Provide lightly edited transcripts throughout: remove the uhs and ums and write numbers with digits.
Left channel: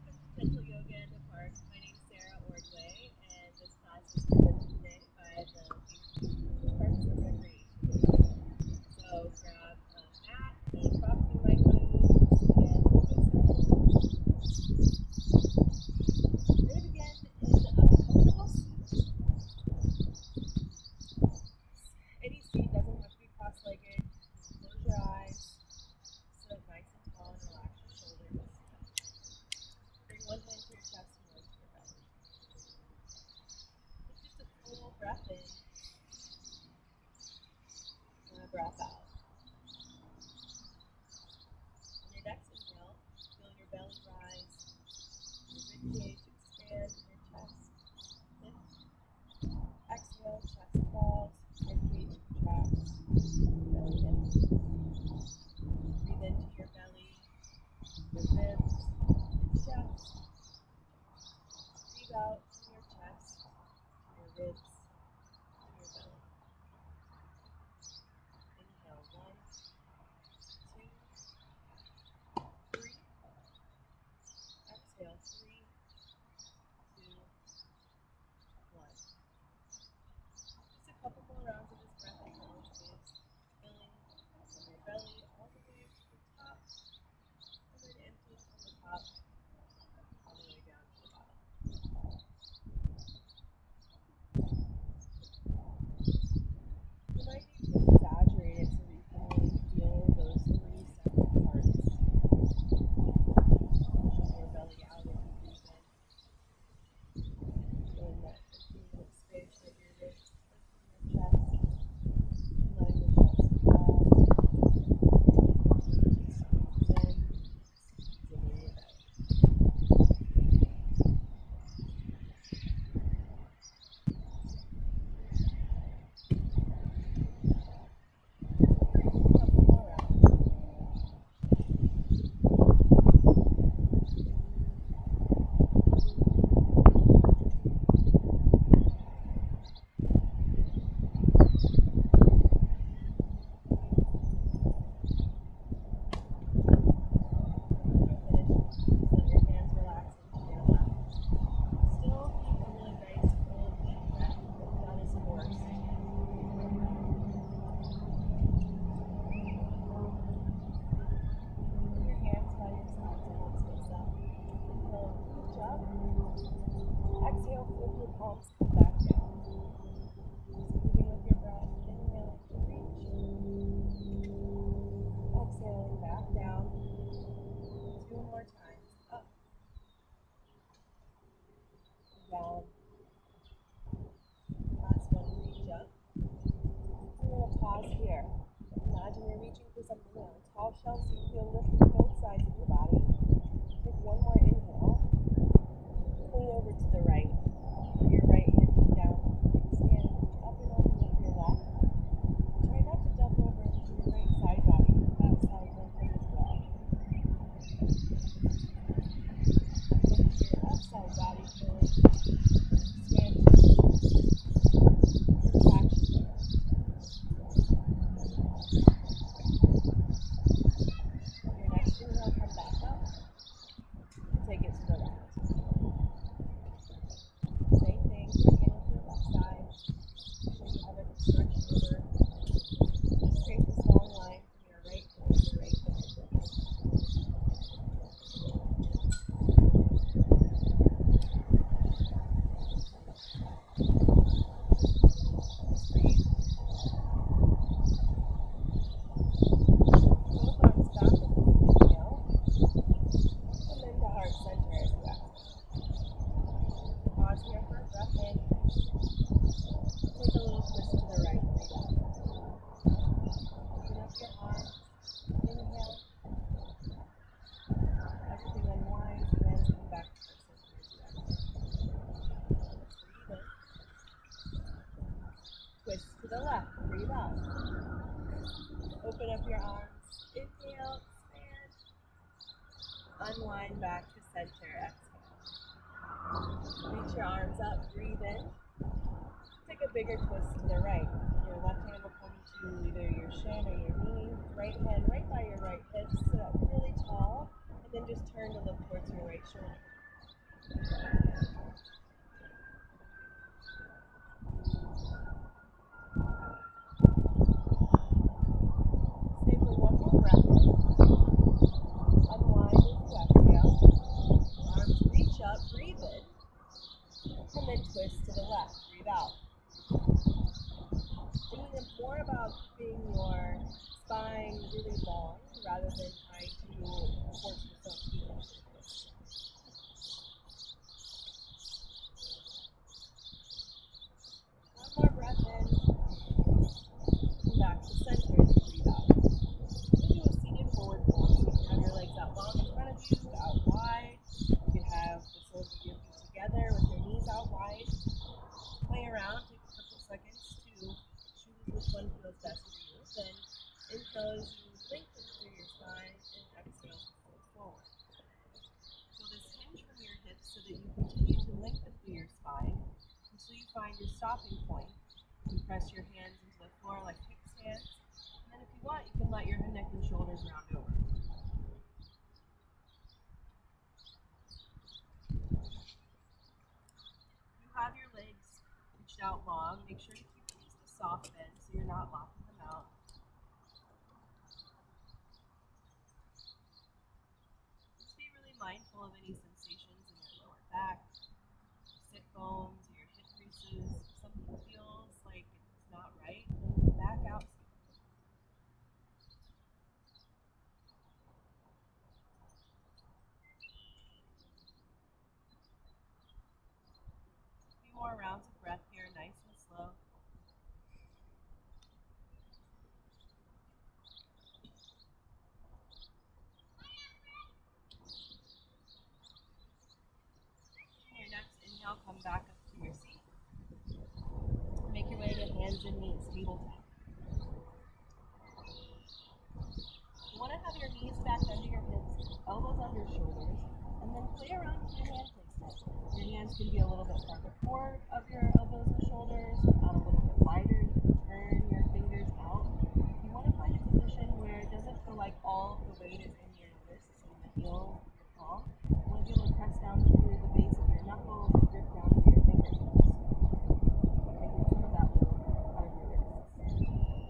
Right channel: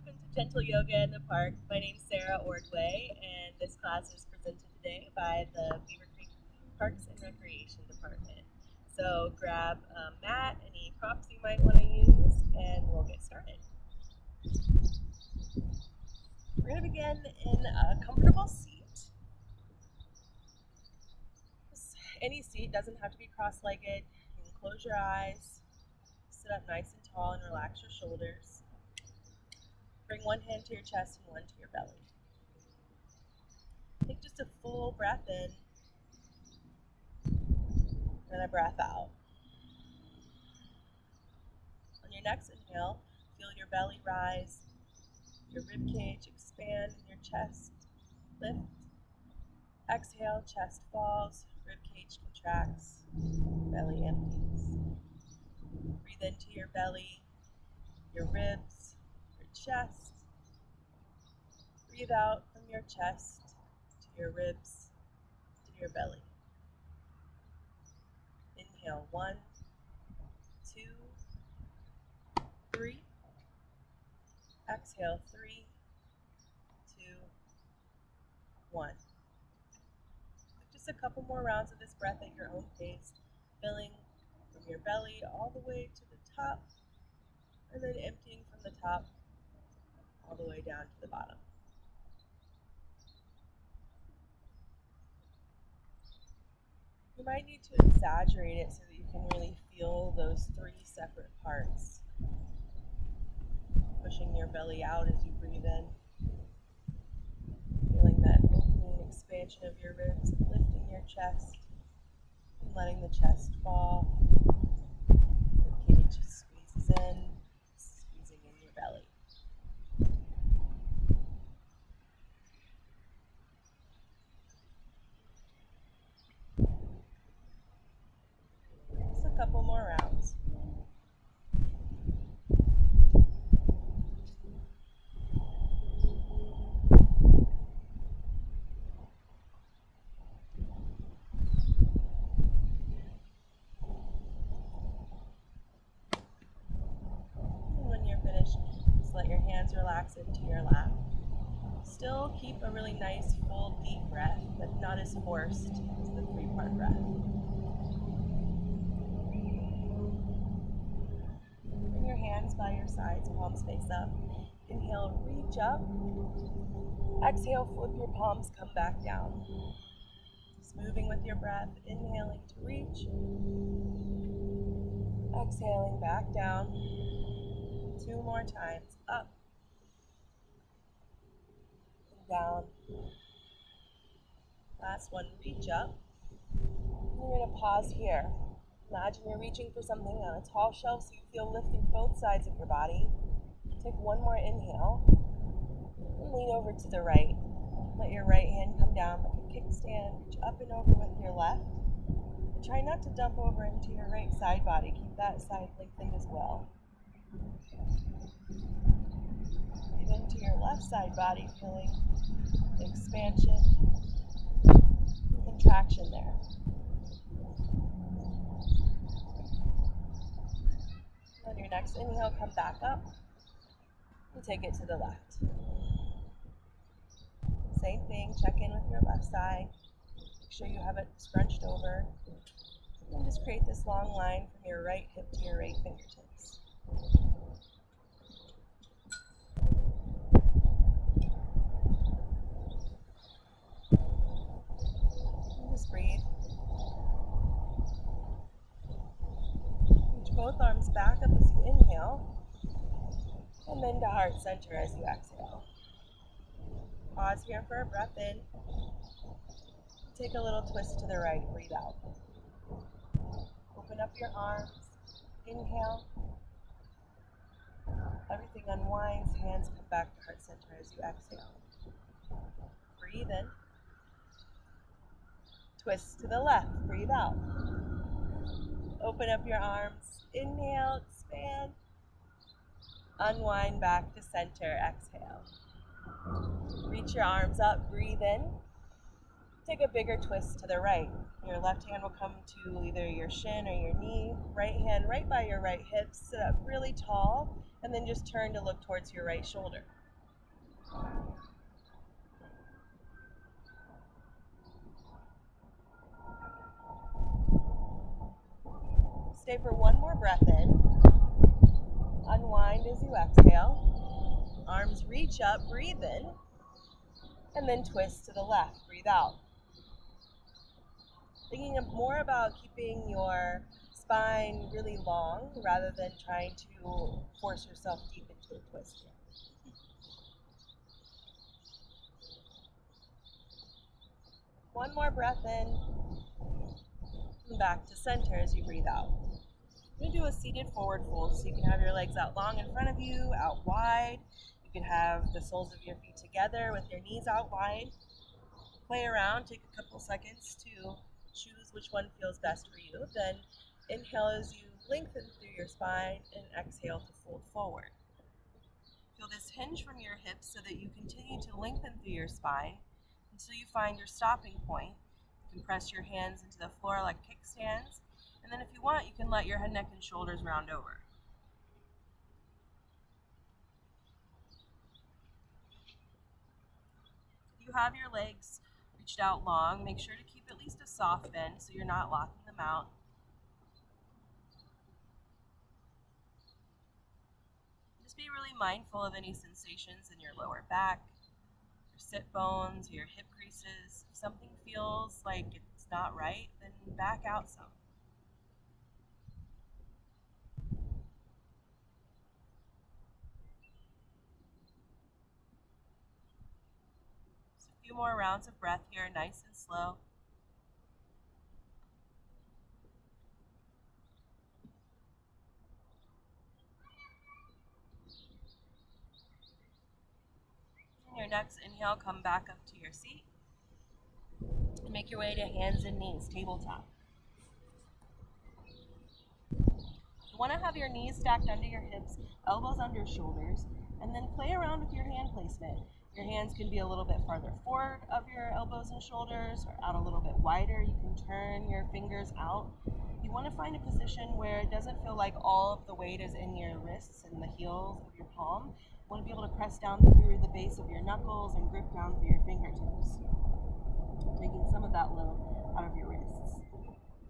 Welcome to Gentle Yoga in the Park. My name is Sarah Ordway, and this class is presented today by the Beaver Creek Parks and Recreation Department. So grab a mat, any props you might want to use, and we'll get started. We're going to begin in a comfortable seat. Any seat doesn't have to be cross-legged. You can close your eyes, sit up nice and tall, and relax your shoulders. Bring one hand to your chest and one to your belly. Take just a full breath in and a breath out. On your next inhale, feel your belly rise, your rib cage expand, and your chest lift. Exhale, chest falls, rib cage contracts, belly empties. Breathe into your belly, your ribs, your chest. Breathe out from your chest to your ribs, to your belly. Inhale, 1, 2, 3. Exhale, 3, 2, 1. Just a couple more rounds of this breath at your own pace, filling from your belly all the way to the top, and then emptying from the top all the way down to the bottom. You might need to exaggerate it so that you can really feel those 3 separate parts. Pushing your belly out as you breathe in. Feeling that opening expansion of your ribs, lifting your chest, and letting the chest fall. Cage squeezes in, squeezing in your belly. Just a couple more rounds. When you're finished, just let your hands relax into your lap. Still keep a really nice, full, deep breath, but not as forced as the 3-part breath. Bring your hands by your sides, palms face up. Inhale, reach up. Exhale, flip your palms, come back down. Just moving with your breath, inhaling to reach. Exhaling back down. 2 more times, up, down. Last one, reach up. We're going to pause here. Imagine you're reaching for something on a tall shelf so you feel lift in both sides of your body. Take one more inhale. And lean over to the right. Let your right hand come down like a kickstand. Reach up and over with your left. And try not to dump over into your right side body. Keep that side lengthened as well. Into your left side body, feeling expansion, contraction there. On your next inhale, come back up and take it to the left. Same thing, check in with your left side. Make sure you have it scrunched over. And just create this long line from your right hip to your right fingertips. Just breathe. Reach both arms back up as you inhale, and then to heart center as you exhale. Pause here for a breath in. Take a little twist to the right, breathe out. Open up your arms, inhale. Everything unwinds, hands come back to heart center as you exhale. Breathe in. Twist to the left, breathe out. Open up your arms, inhale, expand. Unwind back to center, exhale. Reach your arms up, breathe in. Take a bigger twist to the right. Your left hand will come to either your shin or your knee. Right hand right by your right hip. Sit up really tall. And then just turn to look towards your right shoulder. Stay for one more breath in. Unwind as you exhale. Arms reach up, breathe in. And then twist to the left, breathe out. Thinking more about keeping your spine really long rather than trying to force yourself deep into a twist. One more breath in. Come back to center as you breathe out. You're going to do a seated forward fold, so you can have your legs out long in front of you, out wide. You can have the soles of your feet together with your knees out wide. Play around, take a couple seconds to choose which one feels best for you. Then inhale as you lengthen through your spine and exhale to fold forward. Feel this hinge from your hips so that you continue to lengthen through your spine until you find your stopping point. You can press your hands into the floor like kickstands, and then if you want, you can let your head, neck, and shoulders round over. If you have your legs reached out long, make sure to keep at least a soft bend so you're not locking them out. Just be really mindful of any sensations in your lower back, your sit bones, your hip creases. If something feels like it's not right, then back out some. Just a few more rounds of breath here, nice and slow. Your next inhale, come back up to your seat. And make your way to hands and knees, tabletop. You want to have your knees stacked under your hips, elbows under shoulders, and then play around with your hand placement. Your hands can be a little bit farther forward of your elbows and shoulders, or out a little bit wider. You can turn your fingers out. You want to find a position where it doesn't feel like all of the weight is in your wrists and the heels of your palm. You want to be able to press down through the base of your knuckles and grip down through your fingertips, taking some of that load out of your wrists.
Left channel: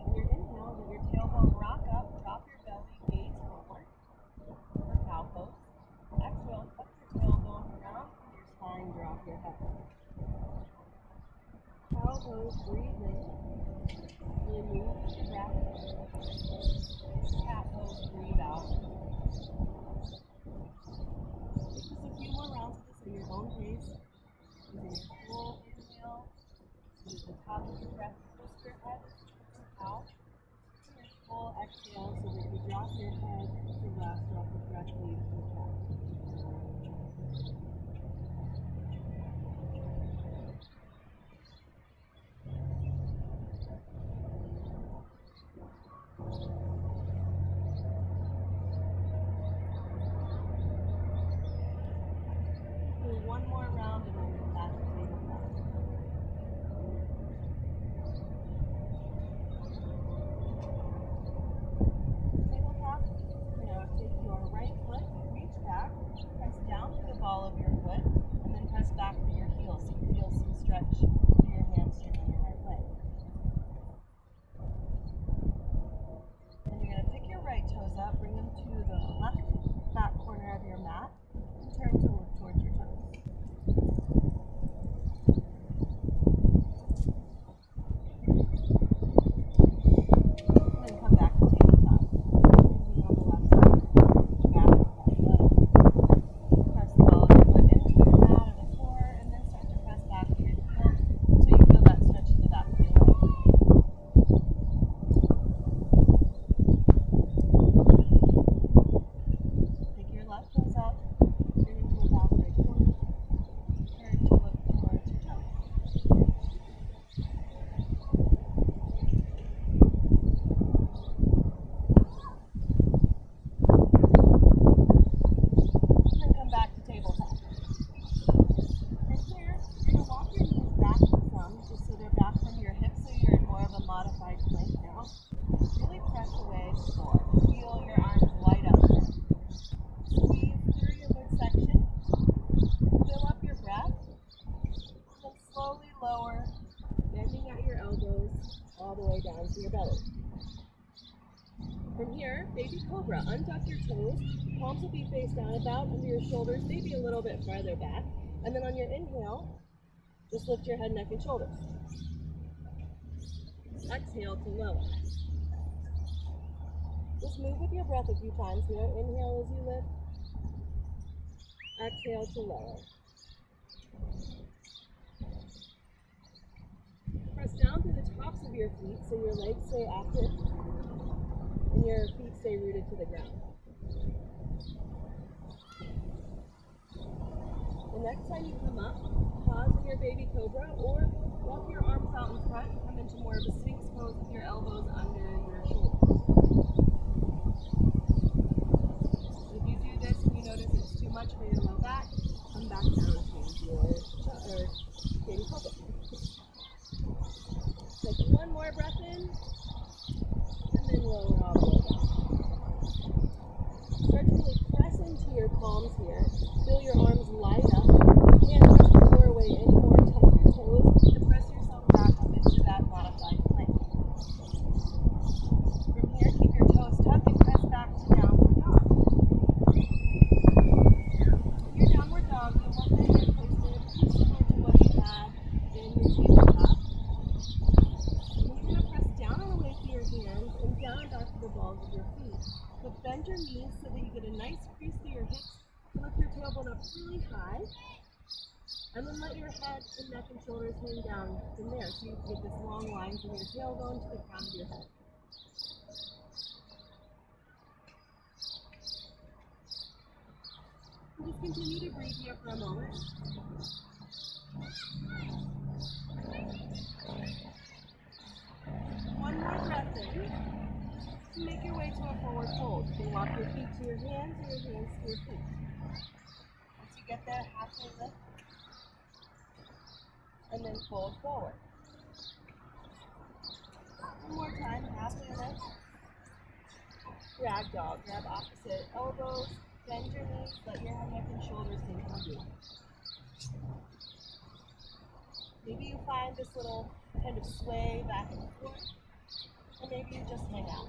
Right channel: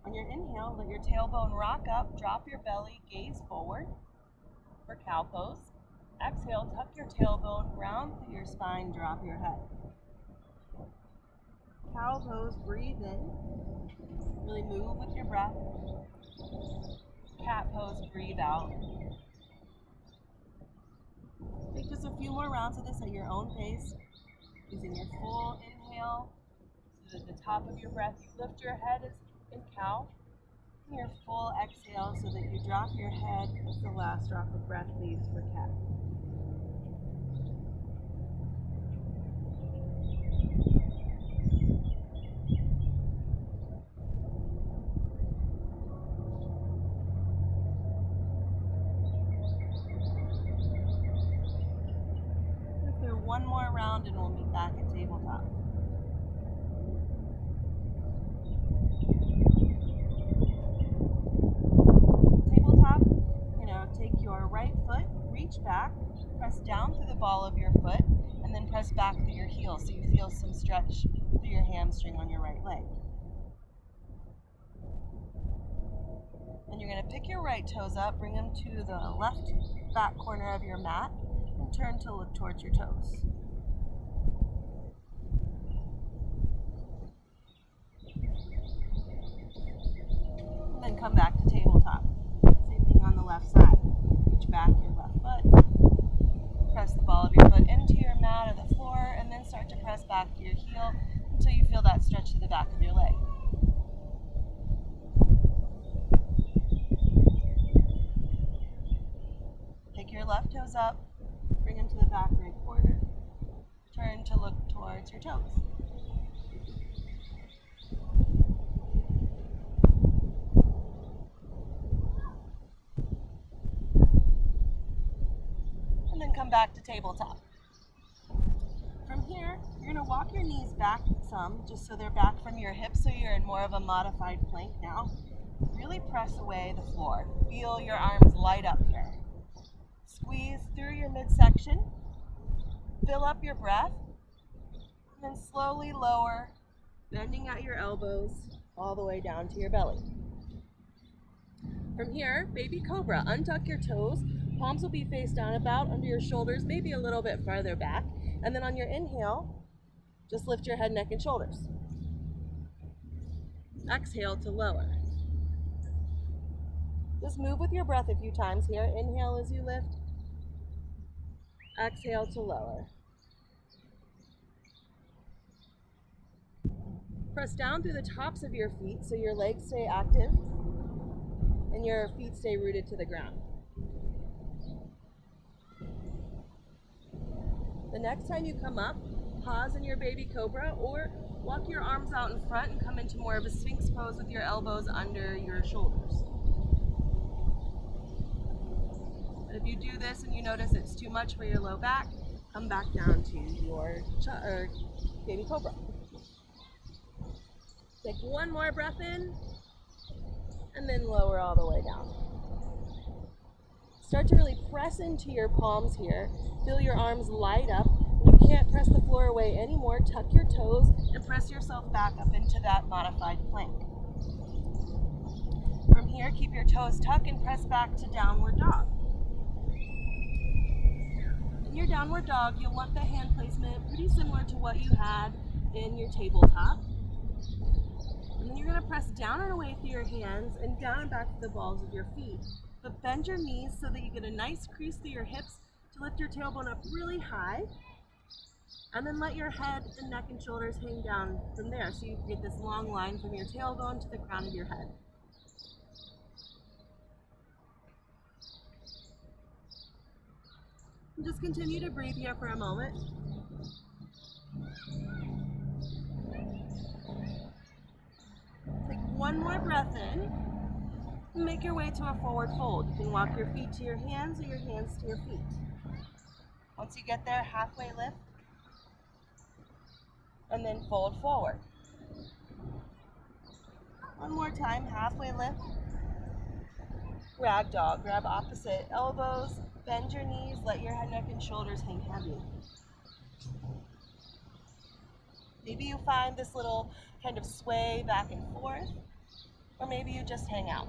On your inhale, let your tailbone rock up, drop your belly, gaze forward for cow pose. Exhale, tuck your tailbone, round through your spine, drop your head. Cow pose, breathe in. Really move with your breath. Cat pose, breathe out. Take just a few more rounds of this at your own pace. Using your full inhale, so that at the top of your breath, you lift your head in cow. And your full exhale, so that you drop your head as the last drop of breath leaves for cat. One more round and we'll meet back at tabletop. Tabletop, take your right foot, reach back, press down through the ball of your foot, and then press back through your heel so you feel some stretch through your hamstring on your right leg. Then you're going to pick your right toes up, bring them to the left back corner of your mat, and turn to look towards your toes. And then come back to tabletop. Same thing on the left side. Reach back your left foot. Press the ball of your foot into your mat or the floor, and then start to press back to your heel until you feel that stretch to the back of your leg. Take your left toes up, bring them to the back right corner. Turn to look towards your toes. And then come back to tabletop. From here, you're going to walk your knees back some, just so they're back from your hips, so you're in more of a modified plank now. Really press away the floor. Feel your arms light up here. Squeeze section. Fill up your breath, and then slowly lower, bending at your elbows all the way down to your belly. From here, baby cobra, untuck your toes, palms will be face down about under your shoulders, maybe a little bit farther back, and then on your inhale, just lift your head, neck, and shoulders. Exhale to lower. Just move with your breath a few times here. Inhale as you lift. Exhale to lower. Press down through the tops of your feet so your legs stay active and your feet stay rooted to the ground. The next time you come up, pause in your baby cobra or walk your arms out in front and come into more of a sphinx pose with your elbows under your shoulders. But if you do this and you notice it's too much for your low back, come back down to your baby cobra. Take one more breath in and then lower all the way down. Start to really press into your palms here. Feel your arms light up. You can't press the floor away anymore. Tuck your toes and press yourself back up into that modified plank. From here, keep your toes tucked and press back to downward dog. In your downward dog, you'll want the hand placement pretty similar to what you had in your tabletop. And then you're going to press down and away through your hands and down and back to the balls of your feet. But bend your knees so that you get a nice crease through your hips to lift your tailbone up really high. And then let your head and neck and shoulders hang down from there. So you get this long line from your tailbone to the crown of your head. And just continue to breathe here for a moment. Take one more breath in. And make your way to a forward fold. You can walk your feet to your hands or your hands to your feet. Once you get there, halfway lift. And then fold forward. One more time, halfway lift. Rag dog. Grab opposite elbows. Bend your knees. Let your head, neck, and shoulders hang heavy. Maybe you find this little kind of sway back and forth. Or maybe you just hang out.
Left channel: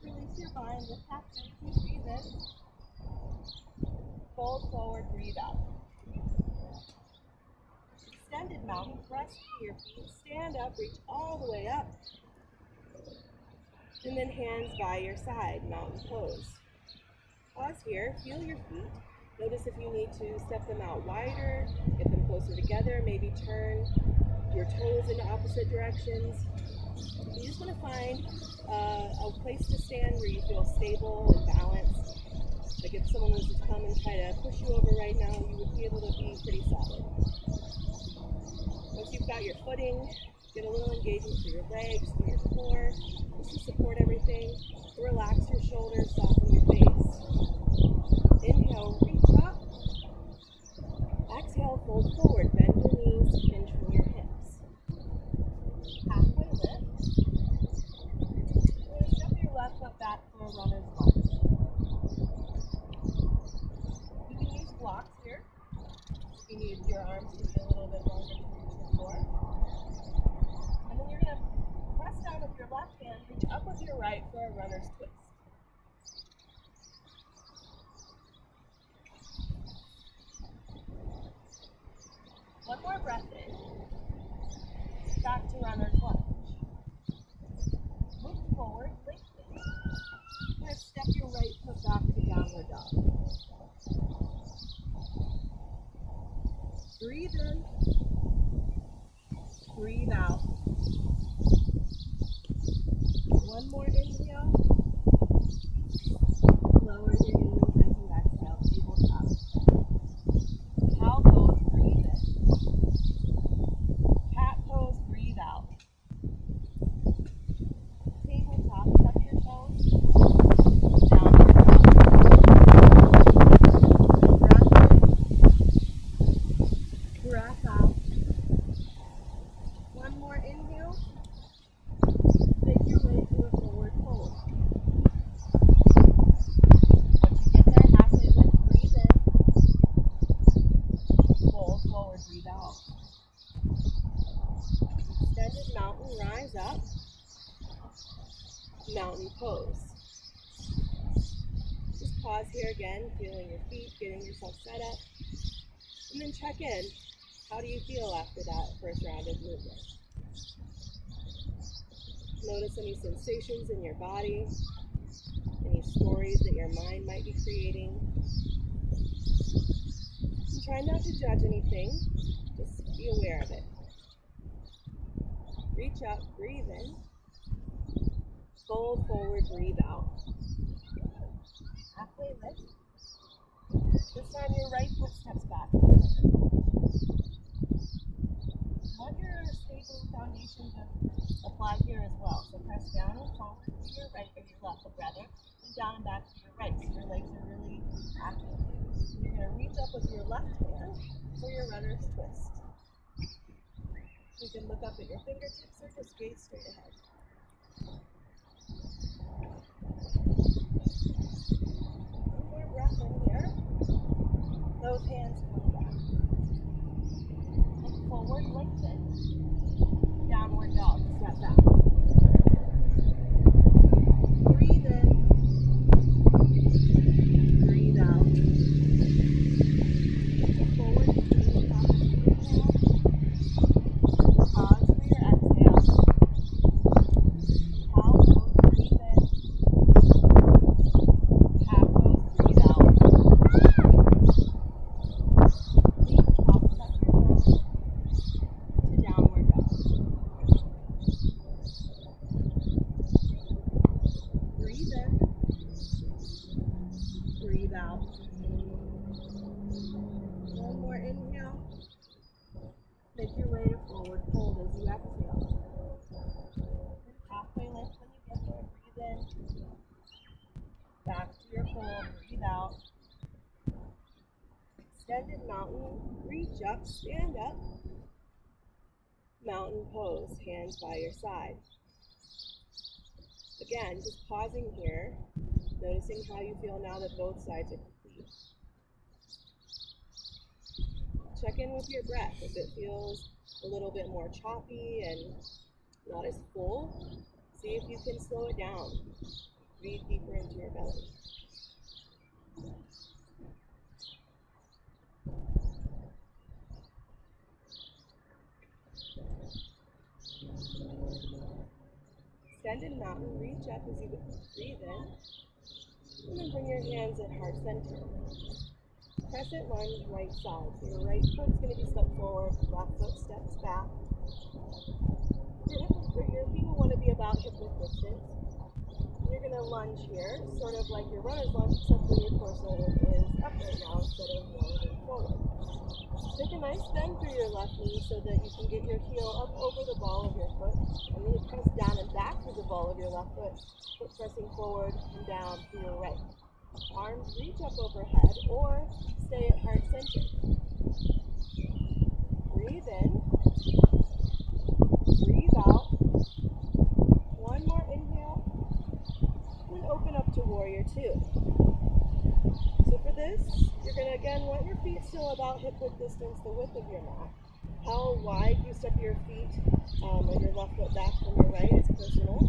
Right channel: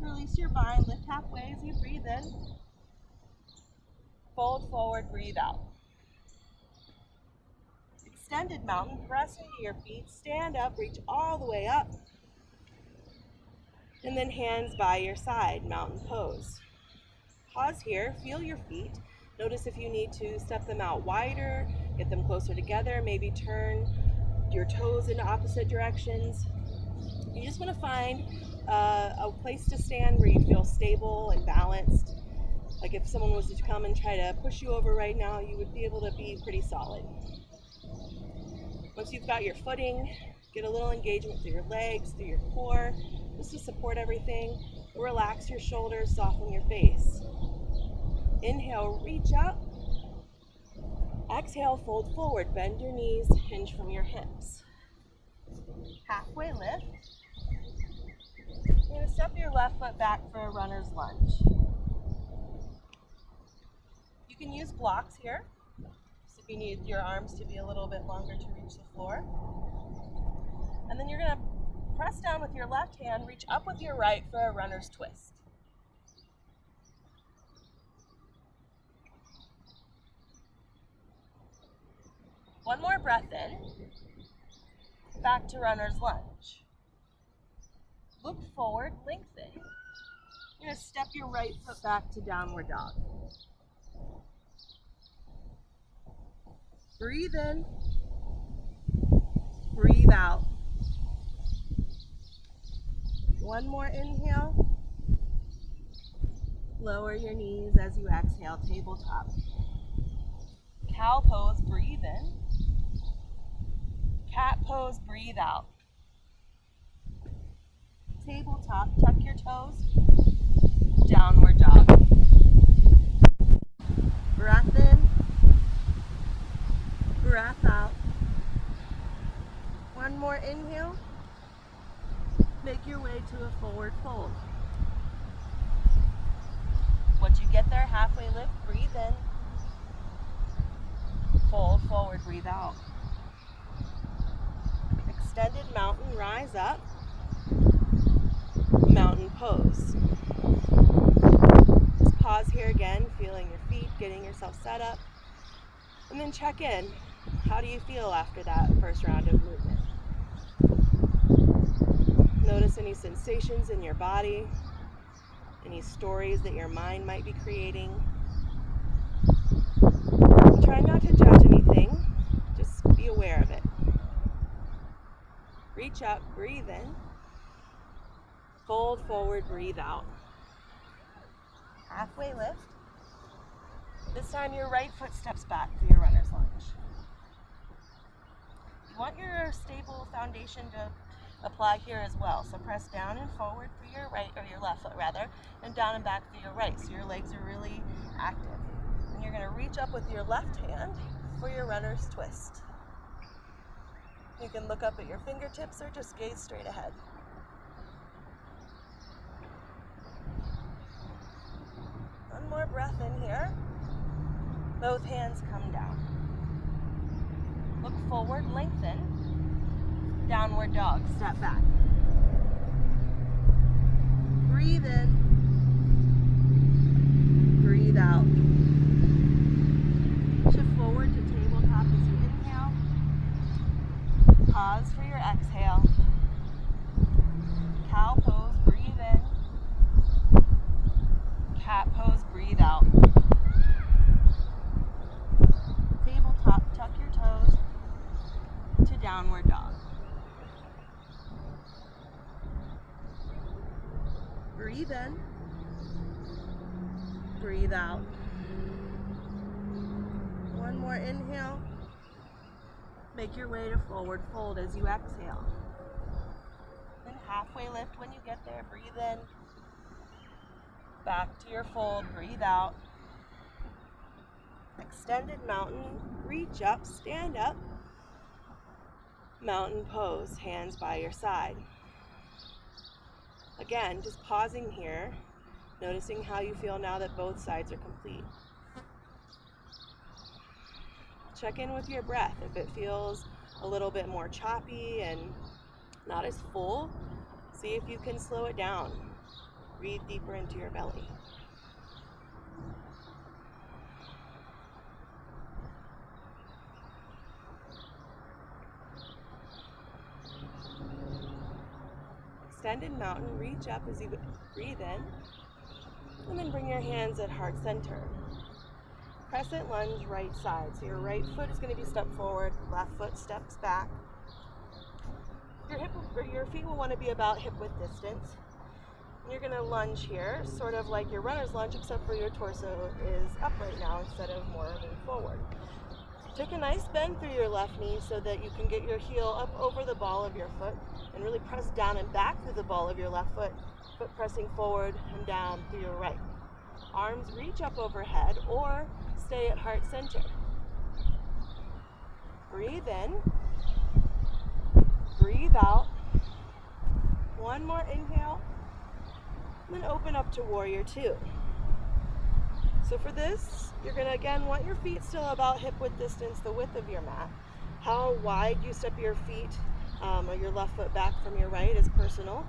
Release your bind, lift halfway as you breathe in. Fold forward, breathe out. Extended mountain, press into your feet, stand up, reach all the way up. And then hands by your side, mountain pose. Pause here, feel your feet. Notice if you need to step them out wider, get them closer together, maybe turn your toes in opposite directions. You just want to find a place to stand where you feel stable and balanced. Like if someone was to come and try to push you over right now, you would be able to be pretty solid. Once you've got your footing, get a little engagement through your legs, through your core, just to support everything. Relax your shoulders, soften your face. Inhale, reach up. Exhale, fold forward, bend your knees, hinge from your hips. Halfway lift. You're going to step your left foot back for a runner's lunge. You can use blocks here, if you need your arms to be a little bit longer to reach the floor. And then you're going to press down with your left hand, reach up with your right for a runner's twist. One more breath in, back to runner's lunge. Look forward, lengthen. You're going to step your right foot back to downward dog. Breathe in, breathe out. One more inhale. Lower your knees as you exhale, tabletop. Cow pose, breathe in. Cat pose, breathe out. Tabletop, tuck your toes. Downward dog. Breath in. breath out. One more inhale. Make your way to a forward fold. Once you get there, halfway lift, breathe in. Fold forward, breathe out. Extended mountain, rise up. Mountain pose. Just pause here again, feeling your feet, getting yourself set up. And then check in. How do you feel after that first round of movement? Notice any sensations in your body, any stories that your mind might be creating. Try not to judge anything, just be aware of it. Reach up, breathe in. Fold forward, breathe out. Halfway lift. This time your right foot steps back for your runner's lunge. You want your stable foundation to apply here as well. So press down and forward for your right, or your left foot rather, and down and back for your right. So your legs are really active. And you're going to reach up with your left hand for your runner's twist. You can look up at your fingertips or just gaze straight ahead. One more breath in here. Both hands come down. Look forward, lengthen. Downward dog, step back. Breathe in. Breathe out. Shift forward to tabletop as you inhale. Pause for your exhale. Cow pose, breathe in. Cat pose, breathe out. Tabletop, tuck your toes to downward dog. Breathe in. Breathe out. One more inhale. Make your way to forward fold as you exhale. Then halfway lift when you get there. Breathe in. Back to your fold. Breathe out. Extended mountain. Reach up. Stand up. Mountain pose. Hands by your side. Again, just pausing here. Noticing how you feel now that both sides are complete. Check in with your breath. If it feels a little bit more choppy and not as full, see if you can slow it down. Breathe deeper into your belly. Extended mountain, reach up as you breathe in, and then bring your hands at heart center. Crescent lunge, right side. So your right foot is going to be stepped forward, left foot steps back. Your feet will want to be about hip width distance. And you're going to lunge here, sort of like your runner's lunge, except for your torso is up right now instead of more moving forward. Take a nice bend through your left knee so that you can get your heel up over the ball of your foot and really press down and back through the ball of your left foot, but pressing forward and down through your right. Arms reach up overhead or stay at heart center. Breathe in. Breathe out. One more inhale. And then open up to warrior two. So for this, you're going to again want your feet still about hip width distance, the width of your mat. How wide you step your feet or your left foot back from your right is personal.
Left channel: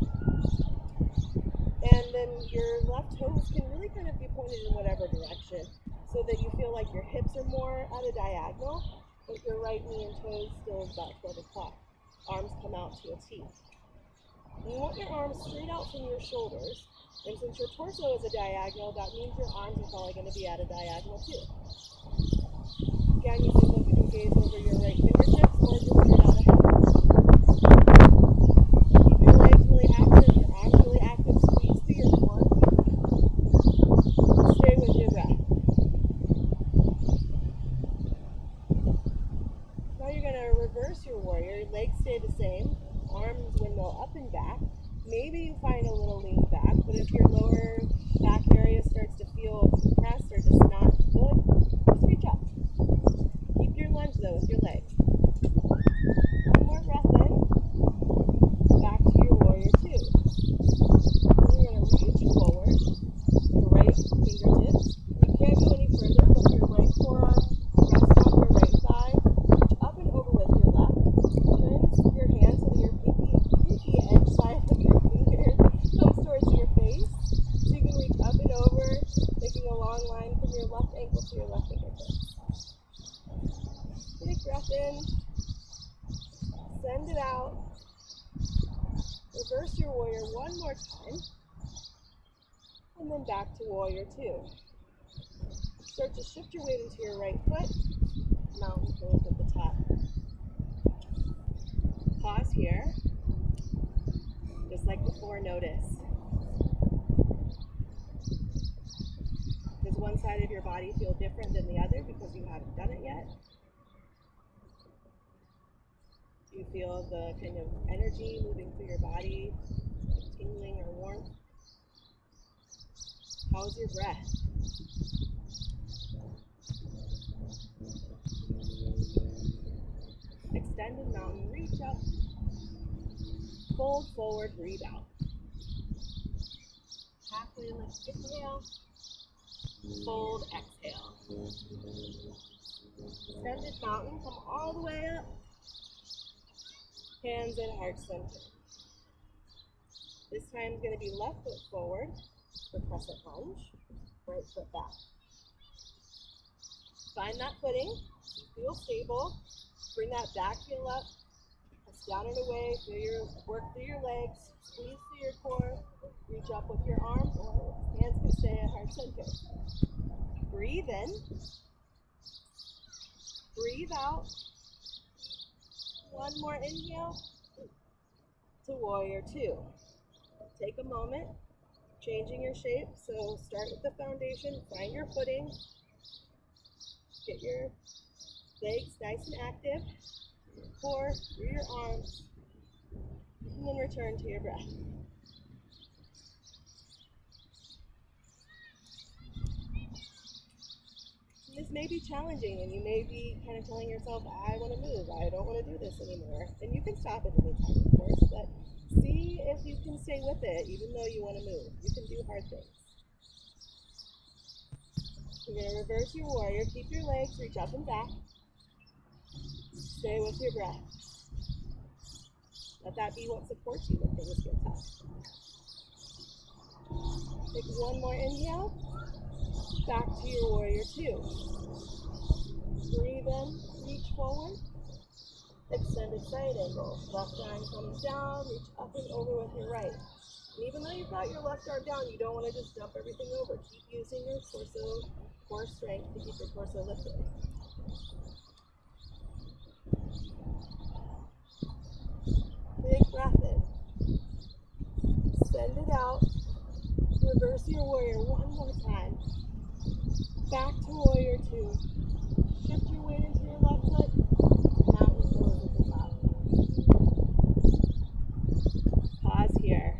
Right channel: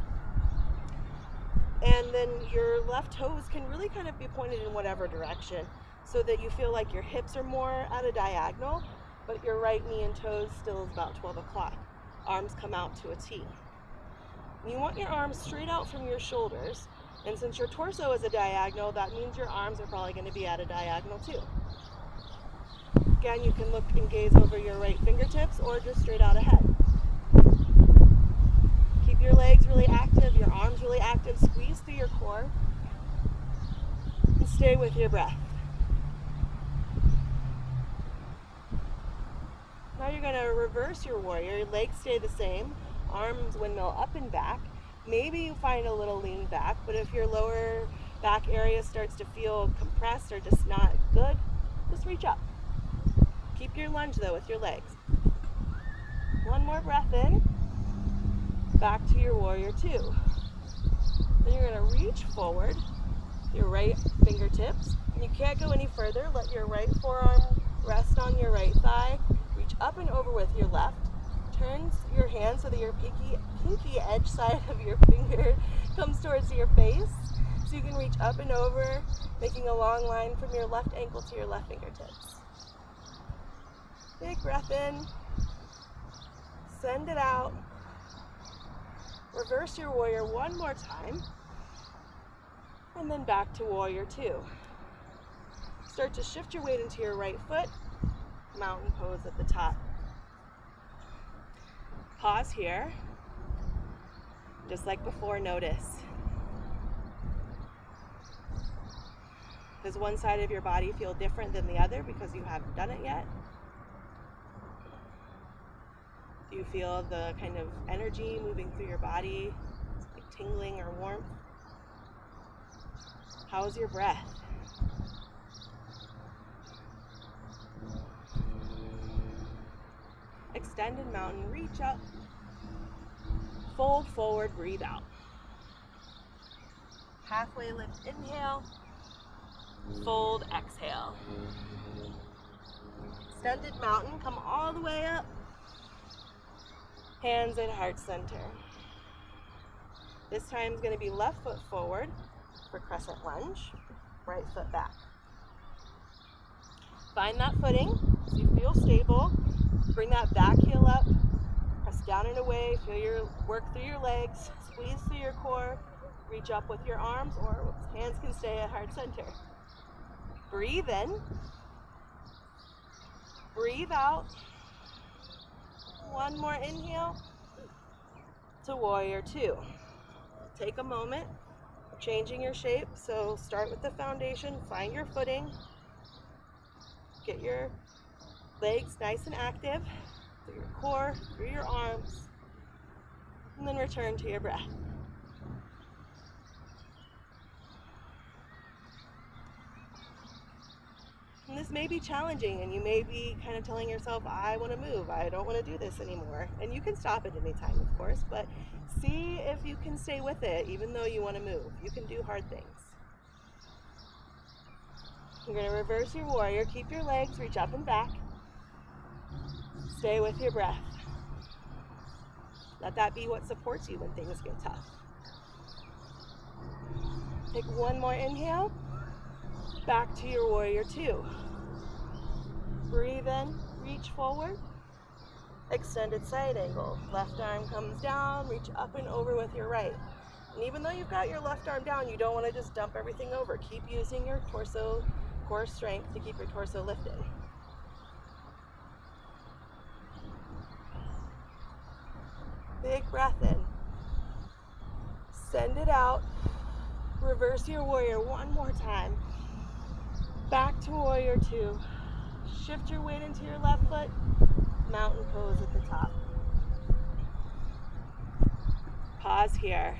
And then your left toes can really kind of be pointed in whatever direction so that you feel like your hips are more at a diagonal, but your right knee and toes still is about 12 o'clock. Arms come out to a T. And you want your arms straight out from your shoulders. And since your torso is a diagonal, that means your arms are probably going to be at a diagonal too. Again, you can look and gaze over your right fingertips or just straight out ahead. Keep your legs really active, your arms really active, squeeze through your core. And stay with your breath. Now you're going to reverse your warrior. Your legs stay the same, arms windmill up and back. Maybe you find a little lean back, but if your lower back area starts to feel compressed or just not good, just reach up. Keep your lunge though with your legs. One more breath in. Back to your warrior two. Then you're going to reach forward, your right fingertips. You can't go any further. Let your right forearm rest on your right thigh. Reach up and over with your left. Turn your hand so that your pinky edge side of your finger comes towards your face. So you can reach up and over, making a long line from your left ankle to your left fingertips. Big breath in. Send it out. Reverse your warrior one more time. And then back to warrior two. Start to shift your weight into your right foot. Mountain pose at the top. Pause here. Just like before, notice. Does one side of your body feel different than the other because you haven't done it yet? Do you feel the kind of energy moving through your body, like tingling or warmth? How's your breath? Extended mountain, reach up, fold forward, breathe out. Halfway lift, inhale, fold, exhale. Extended mountain, come all the way up. Hands at heart center. This time is going to be left foot forward for crescent lunge, right foot back. Find that footing so you feel stable. Bring that back heel up, press down and away, feel your work through your legs, squeeze through your core, reach up with your arms, or hands can stay at heart center. Breathe in, breathe out. One more inhale to warrior two. Take a moment, changing your shape. So start with the foundation, find your footing, get your legs nice and active through your core, through your arms, and then return to your breath. And this may be challenging, and you may be kind of telling yourself, I want to move, I don't want to do this anymore. And you can stop at any time, of course, but see if you can stay with it, even though you want to move. You can do hard things. You're going to reverse your warrior, keep your legs, reach up and back. Stay with your breath. Let that be what supports you when things get tough. Take one more inhale. Back to your warrior two. Breathe in, reach forward. Extended side angle. Left arm comes down, reach up and over with your right. And even though you've got your left arm down, you don't want to just dump everything over. Keep using your torso, core strength to keep your torso lifted. Big breath in. Send it out. Reverse your warrior one more time. Back to warrior two. Shift your weight into your left foot. Mountain pose at the top. Pause here.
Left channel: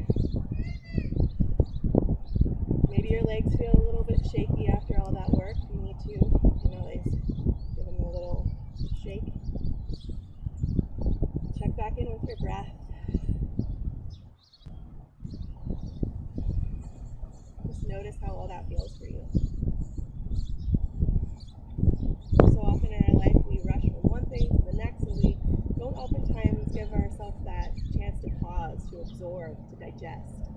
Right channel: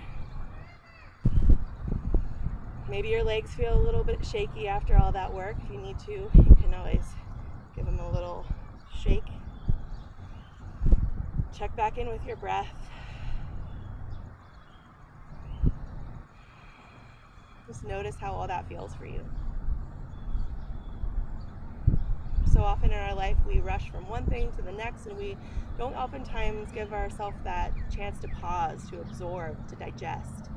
Maybe your legs feel a little bit shaky after all that work. If you need to, you can always give them a little shake. Check back in with your breath. Just notice how all that feels for you. So often in our life we rush from one thing to the next, and we don't oftentimes give ourselves that chance to pause, to absorb, to digest.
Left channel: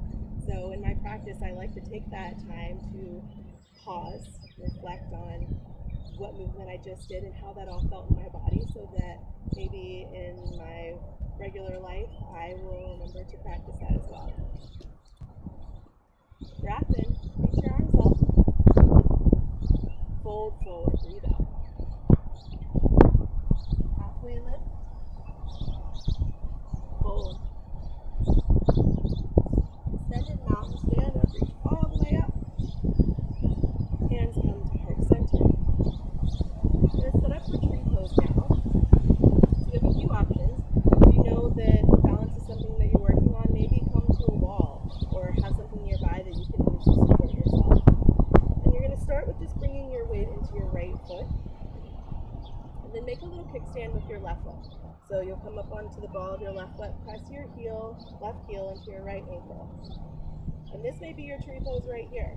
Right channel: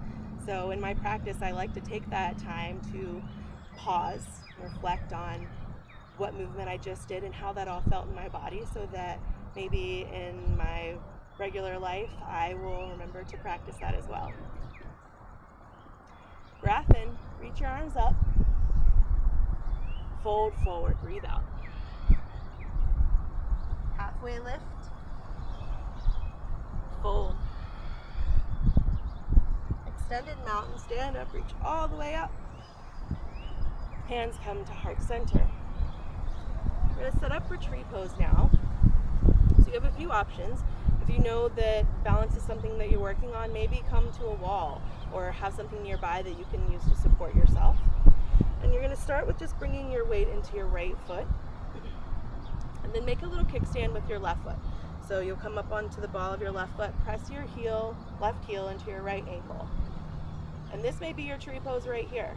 So in my practice, I like to take that time to pause, reflect on what movement I just did and how that all felt in my body, so that maybe in my regular life I will remember to practice that as well. Breath in, reach your arms up, fold forward, breathe out. Halfway lift, fold. Extended mountain, stand up, reach all the way up. Hands come to heart center. We're going to set up for tree pose now. So you have a few options. If you know that balance is something that you're working on, maybe come to a wall or have something nearby that you can use to support yourself. And you're going to start with just bringing your weight into your right foot. And then make a little kickstand with your left foot. So you'll come up onto the ball of your left foot, press your left heel into your right ankle. And this may be your tree pose right here.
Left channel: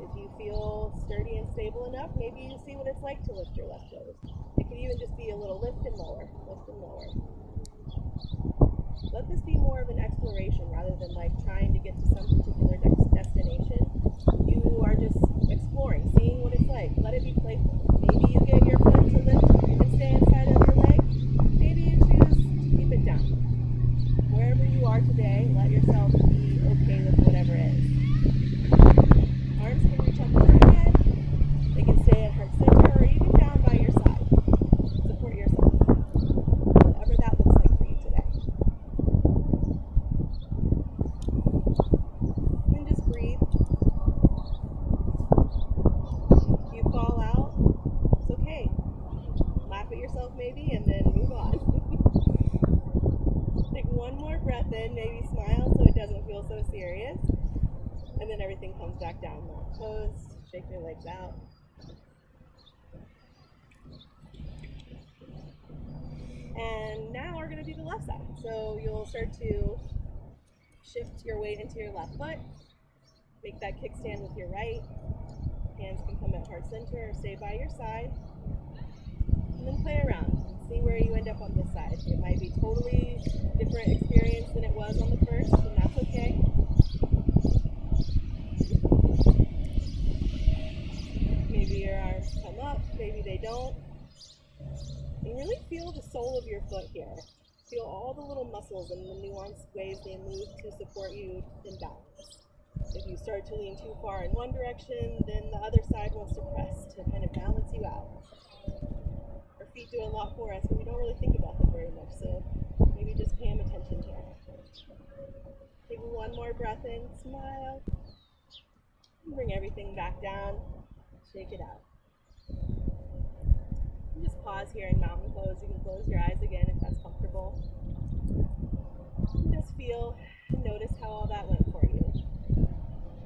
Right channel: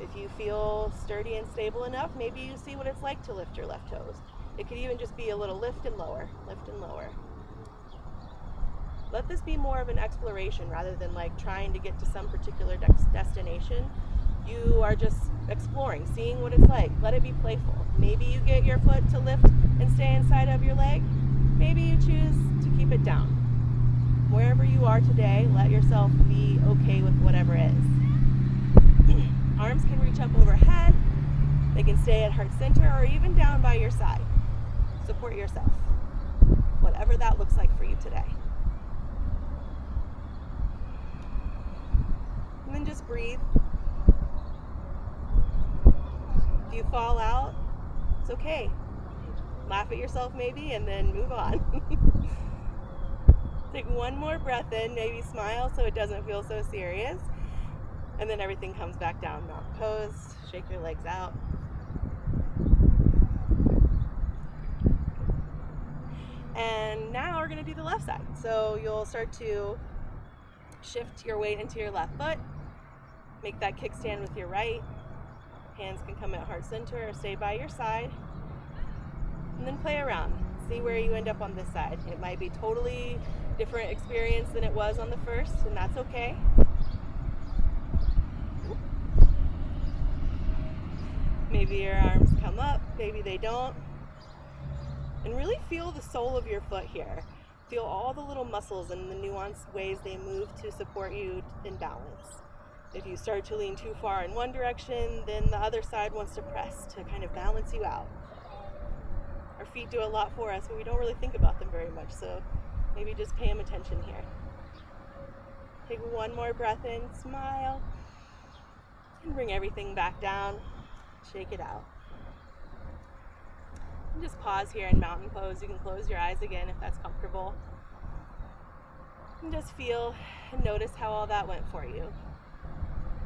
If you feel sturdy and stable enough, maybe you see what it's like to lift your left toes. It could even just be a little lift and lower, lift and lower. Let this be more of an exploration rather than like trying to get to some particular destination. You are just exploring, seeing what it's like. Let it be playful. Maybe you get your foot to lift and stay inside of your leg. Maybe you choose to keep it down. Wherever you are today, let yourself be okay with whatever is. Arms can reach up overhead. They can stay at heart center or even down by your side. Support yourself. Whatever that looks like for you today. And then just breathe. If you fall out, it's okay. Laugh at yourself maybe and then move on. Take one more breath in, maybe smile so it doesn't feel so serious. And then everything comes back down. Mountain pose, shake your legs out. And now we're gonna do the left side. So you'll start to shift your weight into your left foot. Make that kickstand with your right. Hands can come at heart center or stay by your side. And then play around. See where you end up on this side. It might be totally different experience than it was on the first, and that's okay. Maybe your arms come up, maybe they don't. And really feel the sole of your foot here. Feel all the little muscles and the nuanced ways they move to support you in balance. If you start to lean too far in one direction, then the other side wants to press to kind of balance you out. Our feet do a lot for us, but we don't really think about them very much, so maybe just pay them attention here. Take one more breath in, smile, and bring everything back down. Shake it out. And just pause here in mountain pose. You can close your eyes again if that's comfortable. And just feel and notice how all that went for you.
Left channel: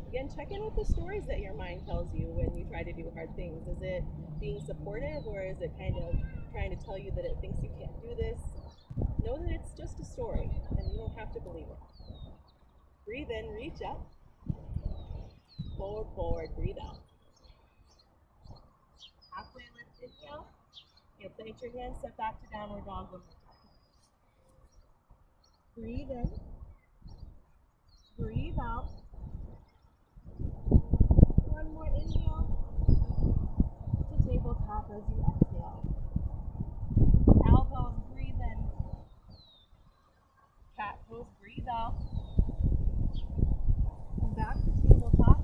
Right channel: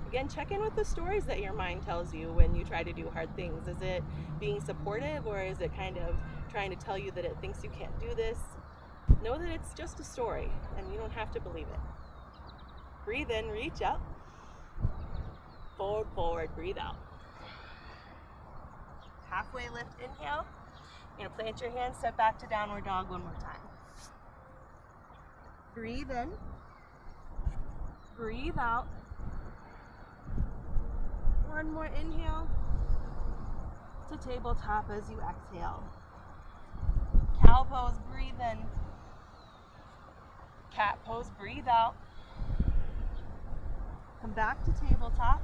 Again, check in with the stories that your mind tells you when you try to do hard things. Is it being supportive, or is it kind of trying to tell you that it thinks you can't do this? Know that it's just a story and you don't have to believe it. Breathe in, reach up. Forward, forward, breathe out. Halfway lift, inhale. You're gonna plant your hands, step back to downward dog one more time. Breathe in. Breathe out. One more inhale to tabletop as you exhale. Cow pose, breathe in. Cat pose, breathe out. Come back to tabletop,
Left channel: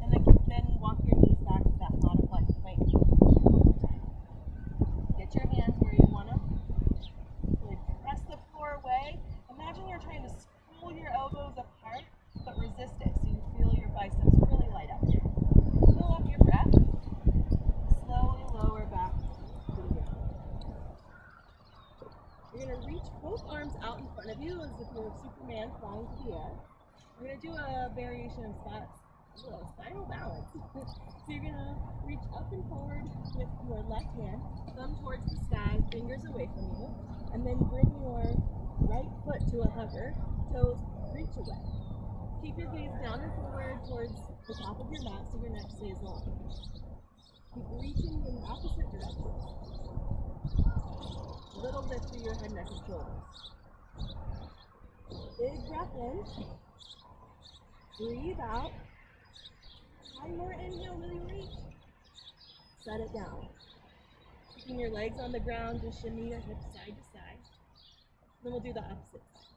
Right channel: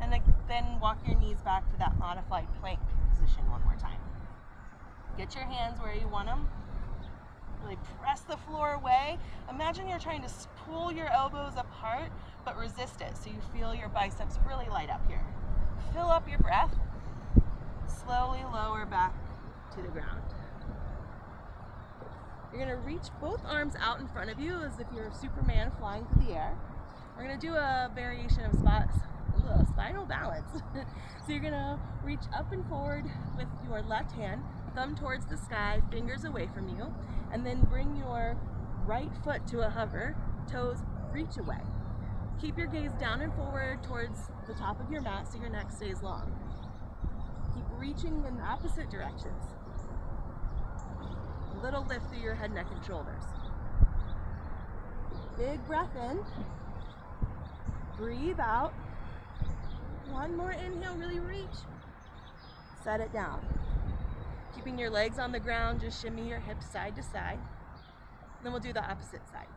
and then walk your knees back to that modified plank position one more time. Get your hands where you want them. Really press the floor away. Imagine you're trying to pull your elbows apart, but resist it so you feel your biceps really light up here. Fill up your breath. Slowly lower back to the ground. You're going to reach both arms out in front of you as if you're Superman flying through the air. We're going to do a variation of spinal balance. So you're going to reach up and forward with your left hand, thumb towards the sky, fingers away from you, and then bring your right foot to a hover, toes reach away. Keep your gaze down and forward towards the top of your mat so your neck stays long. Keep reaching in opposite directions. Little lift through your head, neck, and shoulders. Big breath in. Breathe out. One more inhale, really reach. Set it down. Keeping your legs on the ground, just shimmy your hips side to side. Then we'll do the opposite side.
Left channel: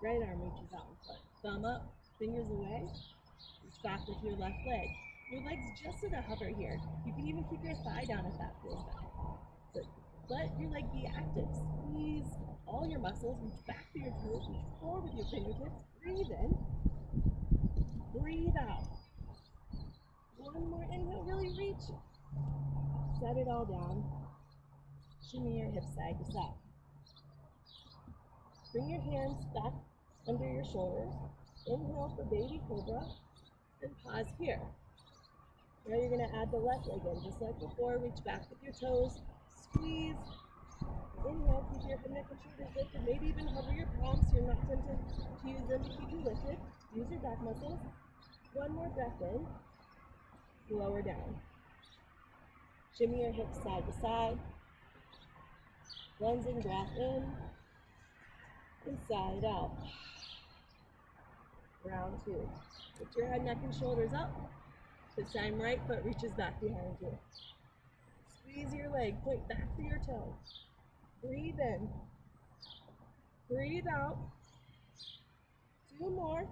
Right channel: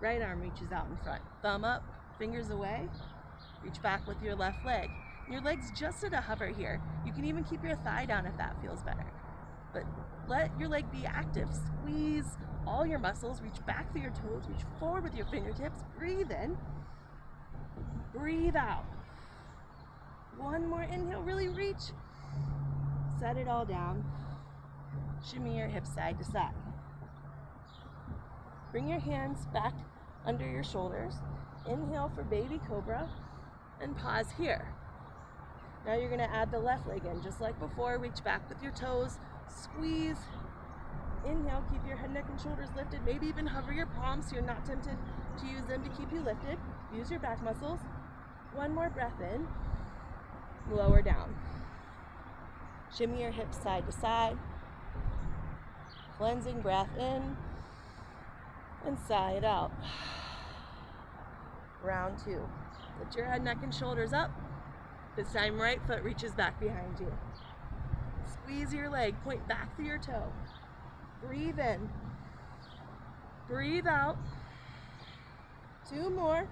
Right arm reaches out in front. Thumb up, fingers away. Reach back with your left leg. Your leg's just at a hover here. You can even keep your thigh down if that feels better. But let your leg be active. Squeeze all your muscles. Reach back through your toes. Reach forward with your fingertips. Breathe in. Breathe out. One more inhale. Really reach. Set it all down. Shimmy your hips side to side. Bring your hands back under your shoulders. Inhale for baby cobra. And pause here. Now you're going to add the left leg in. Just like before, reach back with your toes. Squeeze. Inhale, keep your head, neck, and shoulders lifted. Maybe even hover your palms so you're not tempted to use them to keep you lifted. Use your back muscles. One more breath in. Lower down. Shimmy your hips side to side. Cleansing breath in and sigh it out. Round 2. Lift your head, neck, and shoulders up. This time, right foot reaches back behind you. Squeeze your leg, point back through your toe. Breathe in. Breathe out. 2 more.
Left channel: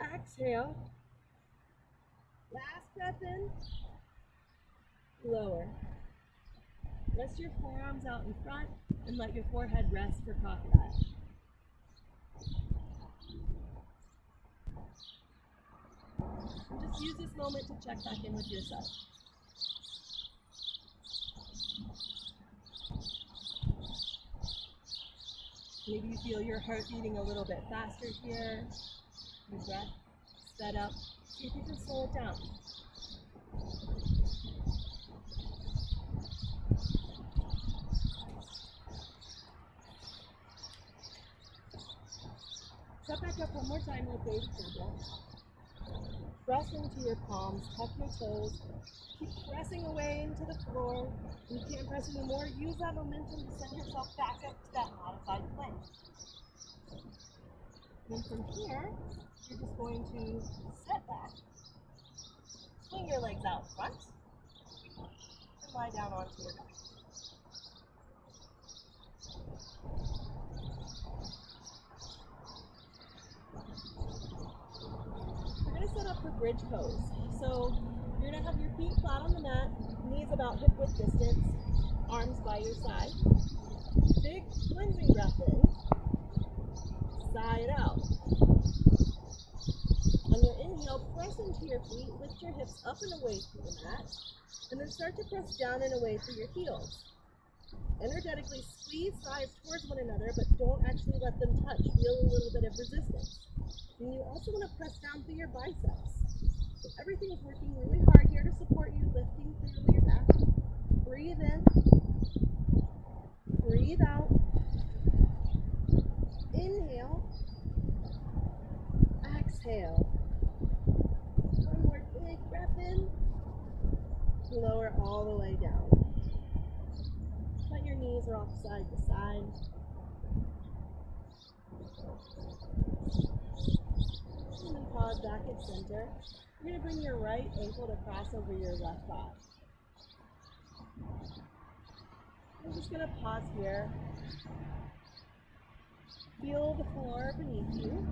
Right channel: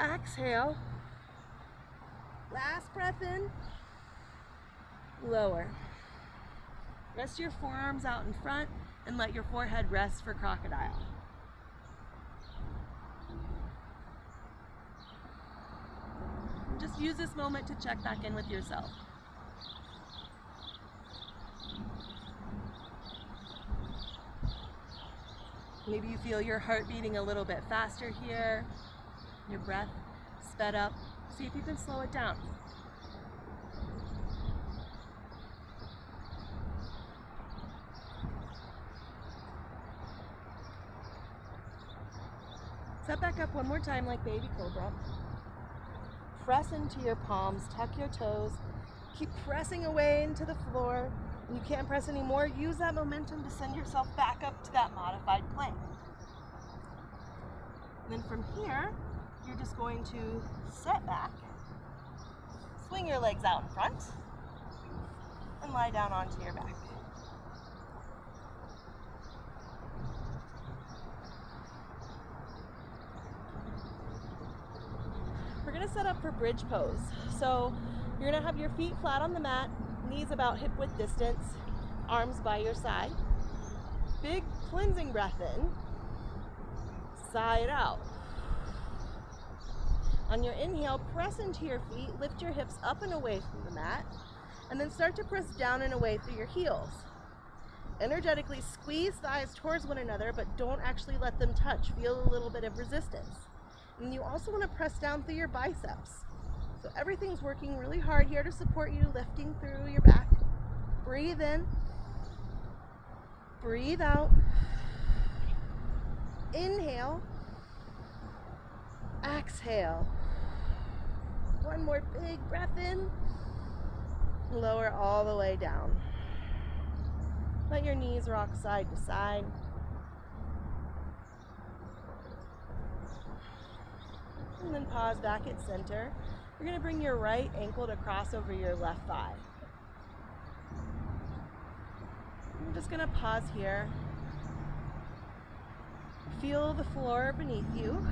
Exhale. Last breath in. Lower. Rest your forearms out in front and let your forehead rest for crocodile. And just use this moment to check back in with yourself. Maybe you feel your heart beating a little bit faster here, your breath sped up. See if you can slow it down. Step back up one more time like baby cobra. Press into your palms, tuck your toes. Keep pressing away into the floor. When you can't press anymore, use that momentum to send yourself back up to that modified plank. And then from here, you're just going to sit back, swing your legs out in front, and lie down onto your back. We're going to set up for bridge pose. So you're going to have your feet flat on the mat, knees about hip width distance, arms by your side. Big cleansing breath in, sigh it out. On your inhale, press into your feet, lift your hips up and away from the mat, and then start to press down and away through your heels. Energetically squeeze thighs towards one another, but don't actually let them touch. Feel a little bit of resistance. And you also want to press down through your biceps. So everything's working really hard here to support you, lifting through your back. Breathe in. Breathe out. Inhale. Exhale. One more big breath in. Lower all the way down. Let your knees rock side to side. And then pause back at center. You're going to bring your right ankle to cross over your left thigh. I'm just going to pause here. Feel the floor beneath you,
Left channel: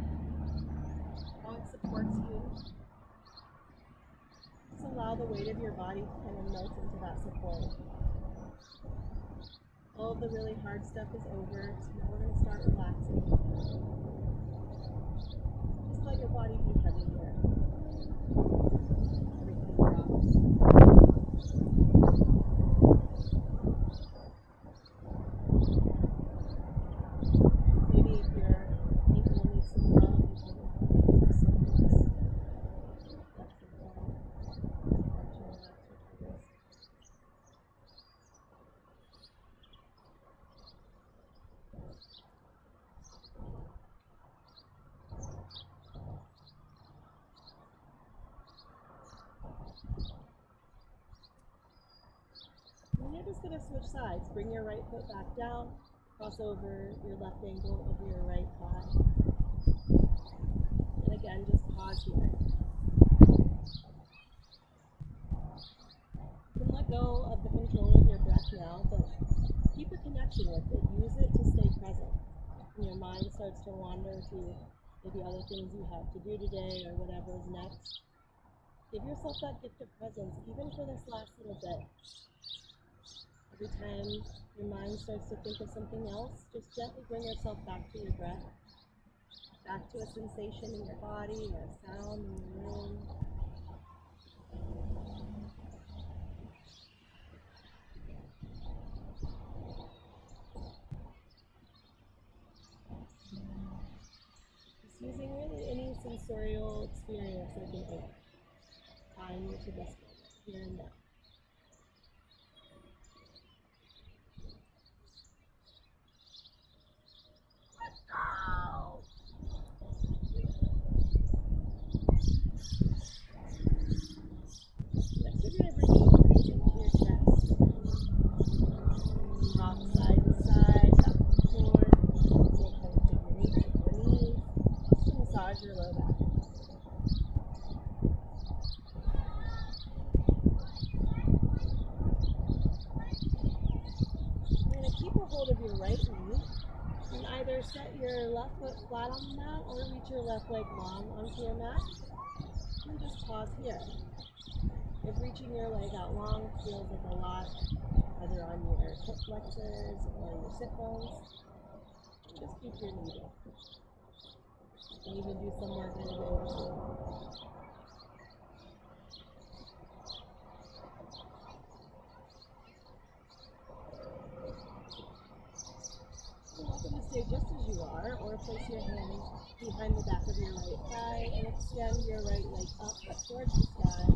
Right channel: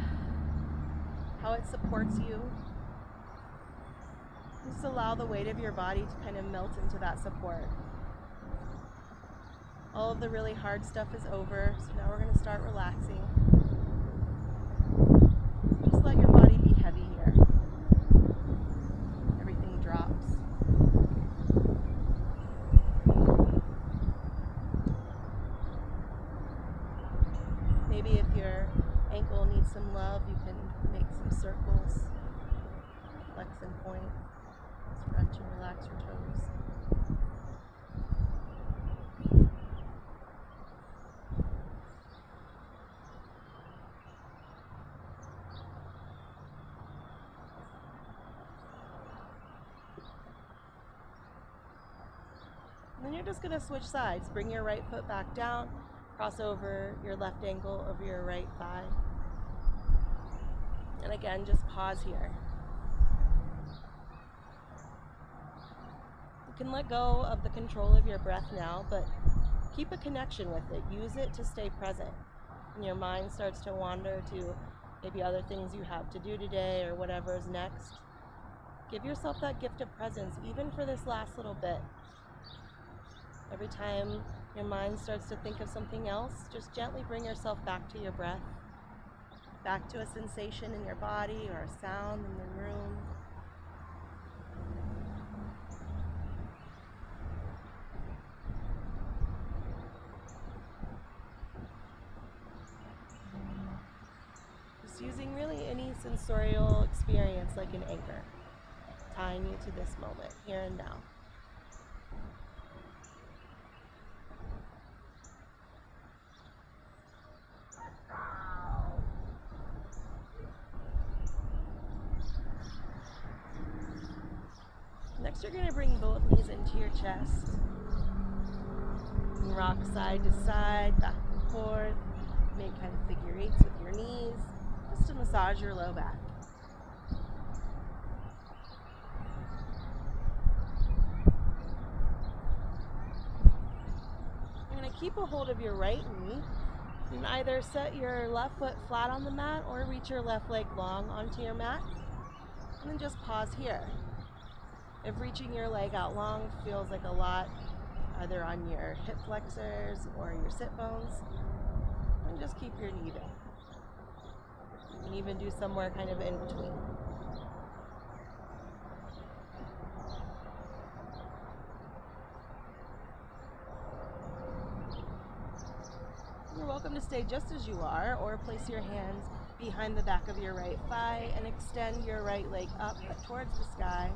how it supports you. Just allow the weight of your body to kind of melt into that support. All of the really hard stuff is over, so now we're going to start relaxing. Just let your body be heavy here. Everything drops. Maybe if your ankle needs some love, you can make some circles, flex and point, stretch and relax your toes. And then you're just going to switch sides. Bring your right foot back down, cross over your left ankle over your right thigh. And again, just pause here. You can let go of the control of your breath now, but keep a connection with it. Use it to stay present. When your mind starts to wander to maybe other things you have to do today or whatever is next, give yourself that gift of presence, even for this last little bit. Every time your mind starts to think of something else, just gently bring yourself back to your breath, back to a sensation in your body or a sound in the room. Just using really any sensorial experience like an anchor, tying you to this moment, here and now. rock side to side, back and forth. Make kind of figure eights with your knees, just to massage your low back. You're going to keep a hold of your right knee and either set your left foot flat on the mat or reach your left leg long onto your mat. And then just pause here. If reaching your leg out long feels like a lot, either on your hip flexors or your sit bones, then just keep your knee bent. You can even do somewhere kind of in between. You're welcome to stay just as you are, or place your hands behind the back of your right thigh and extend your right leg up towards the sky.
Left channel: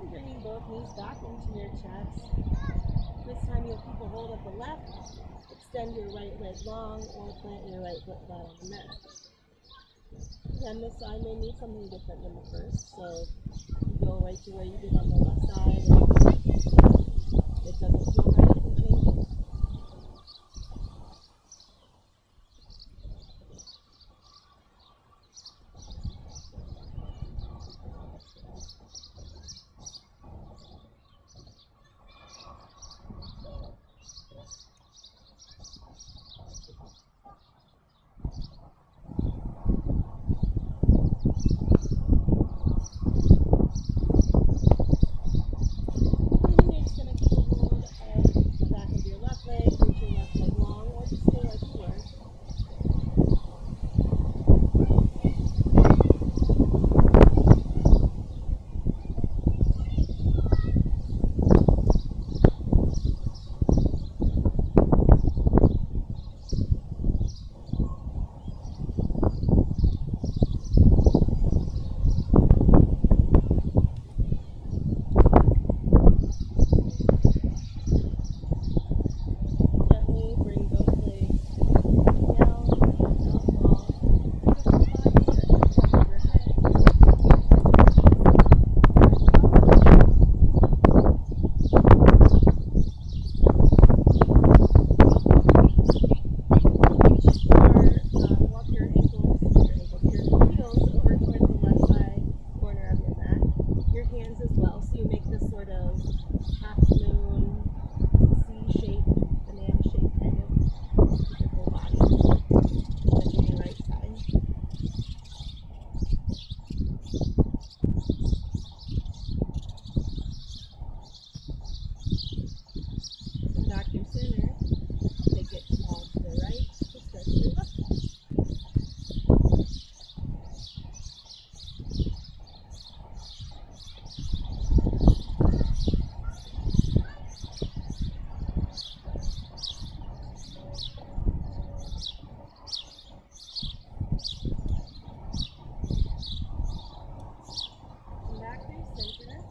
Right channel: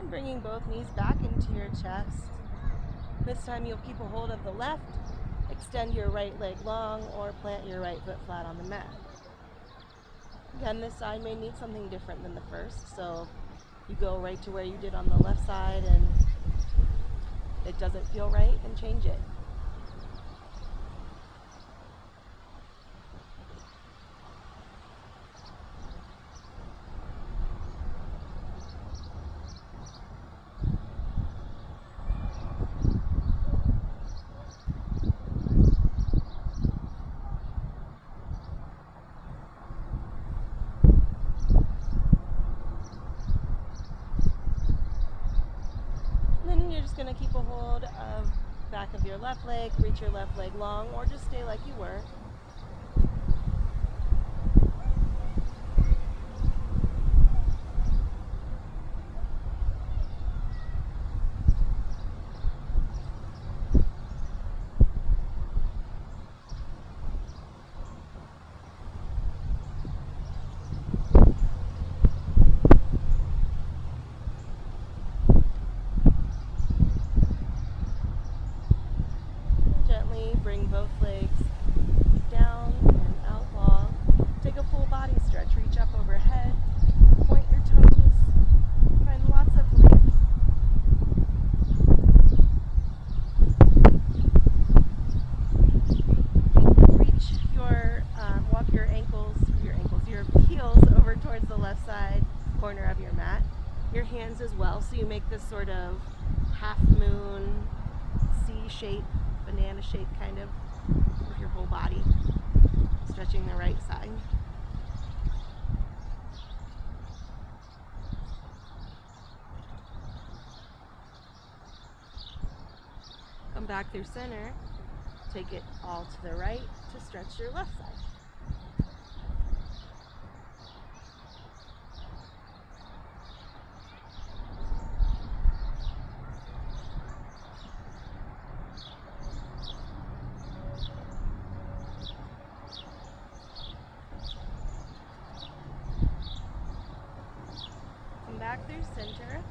And bringing both knees back into your chest. This time you'll keep a hold of the left, extend your right leg long, or plant your right foot flat on the mat. Again, this side may need something different than the first, so you go right to where you did on the left side, and if it doesn't feel right, and change it. Leg, reach your left leg long, or just stay like you were. Bring both legs down and out long. Take a full body stretch. Reach up overhead. Point your toes. Find lots of length. Reach or walk your heels over towards the left side corner of your mat. Your hands as well, so you make this sort of half moon, C shape, banana shape kind of with your whole body, stretching the right side. Come back through center, take it all to the right to stretch your left side. Back through center.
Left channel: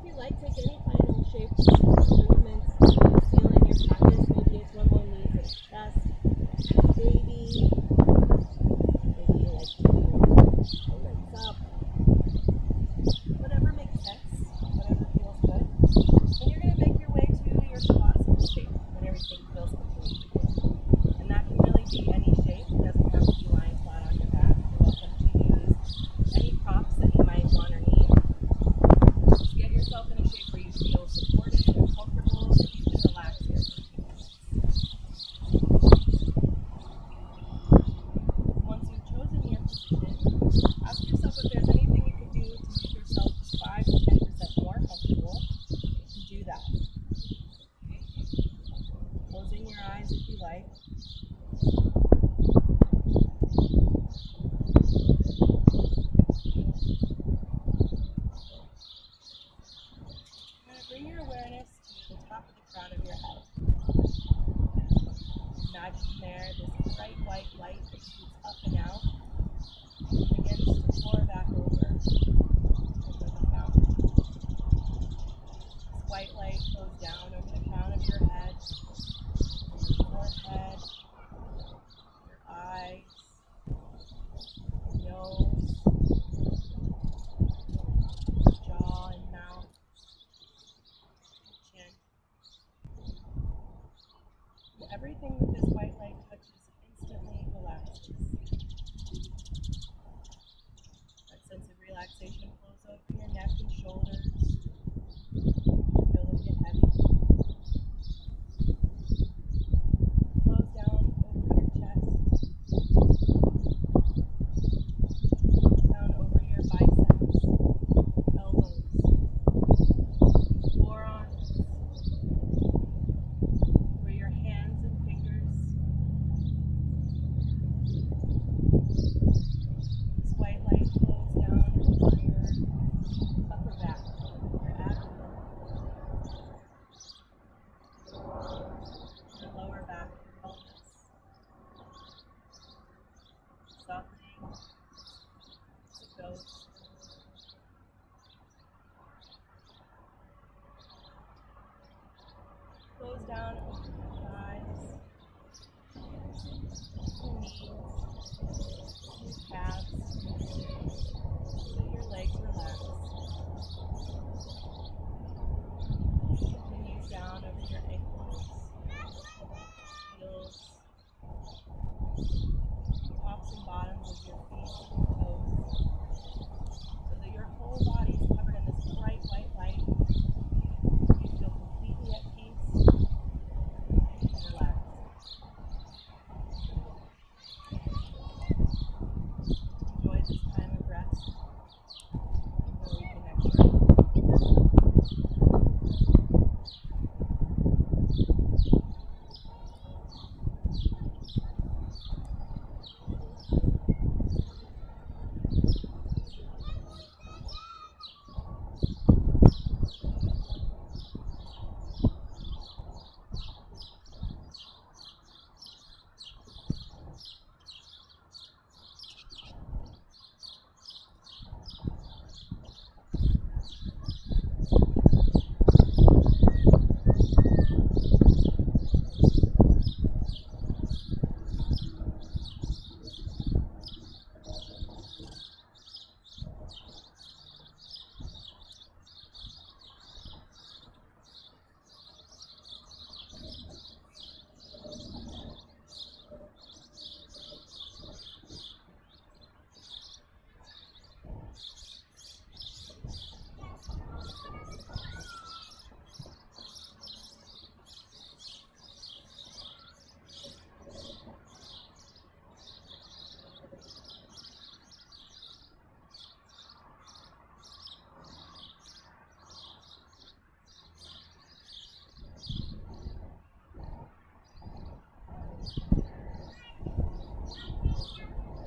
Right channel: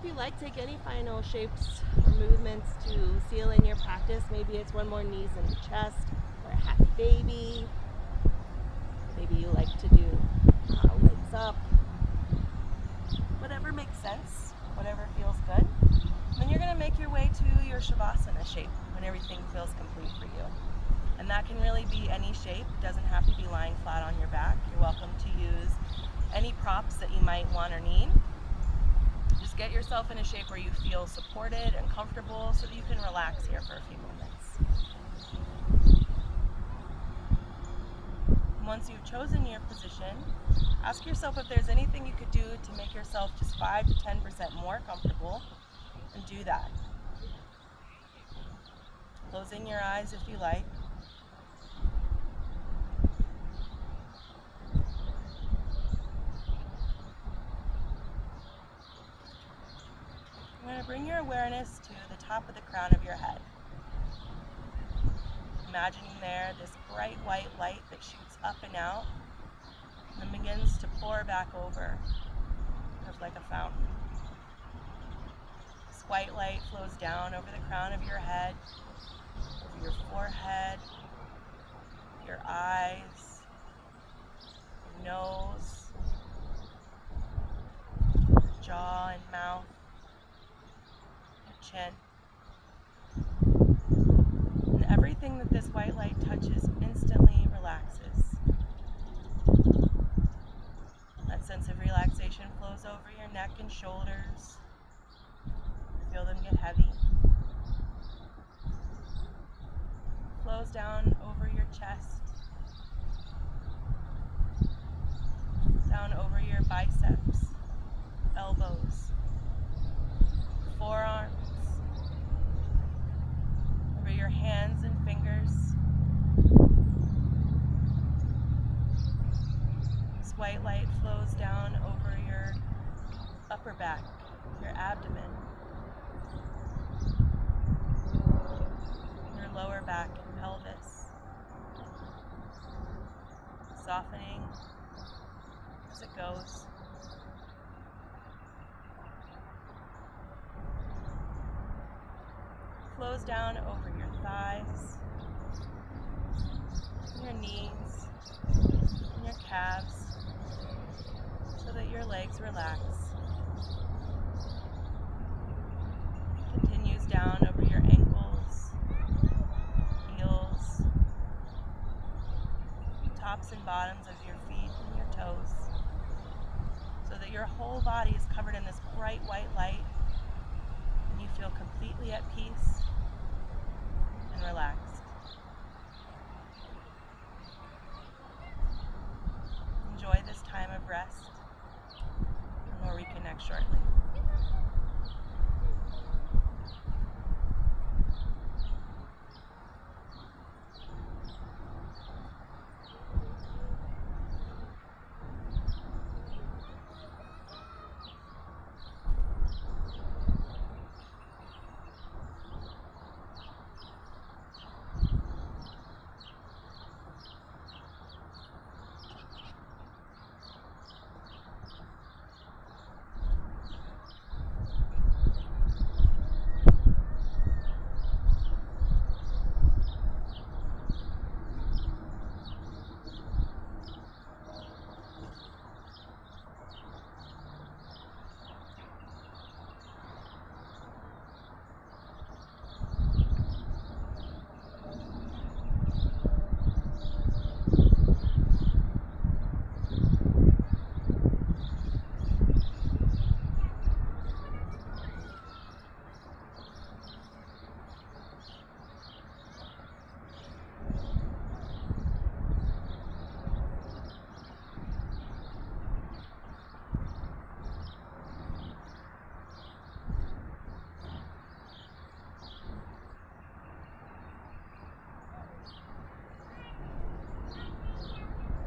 If you like, take any final shapes, movements to seal in your practice. Maybe it's one more knees in the chest, or a happy baby. Maybe you like to do legs up. Whatever makes sense, whatever feels good. Then you're going to make your way to your Shavasana shape when everything feels complete for you. And that can really be any shape. It doesn't have to be lying flat on your back. You're welcome to use any props that you might want or need. Just get yourself in a shape where you feel supported and comfortable so that you can relax here for a few minutes. Once you've chosen your position, ask yourself if there's anything you could do to make yourself just 5 to 10% more comfortable, and do that. Closing your eyes if you like. Bring your awareness to the top of the crown of your head. imagining there this bright white light that shoots up and out and begins to pour back over, just like a fountain. This white light flows down over the crown of your head, over your forehead, your eyes, your nose, your jaw and mouth, your chin. And everything that this white light touches instantly relaxes. That sense of relaxation flows over your neck and shoulders. Feel them get heavy. Flows down over your chest, down over your biceps, elbows, forearms, over your hands and fingers. This white light flows down over your upper back, your abdomen, your lower back and pelvis, softening as it goes. Flows down over your thighs, your knees, and your calves, so that your legs relax. Continues down over your ankles, heels, tops and bottoms of your feet and your toes, so that your whole body is covered in this bright white light. You feel completely at peace and relaxed. Enjoy this time of rest, and we'll reconnect shortly.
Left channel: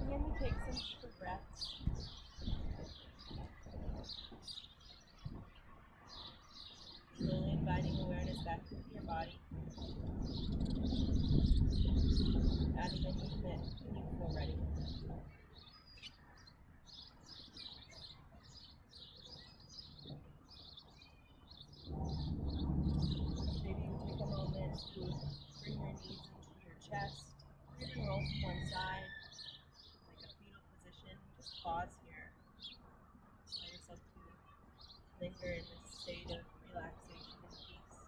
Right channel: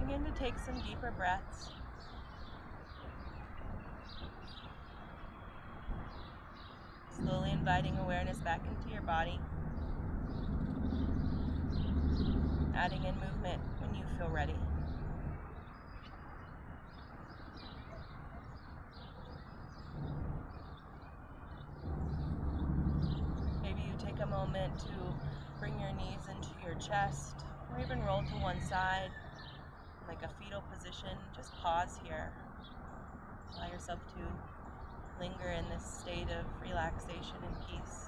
Begin to take some deeper breaths. Slowly inviting awareness back into your body. Adding in movement when you feel ready. Maybe you take a moment to bring your knees into your chest, or even roll to one side, like a fetal position. Just pause here. Allow yourself to linger in this state of relaxation and peace.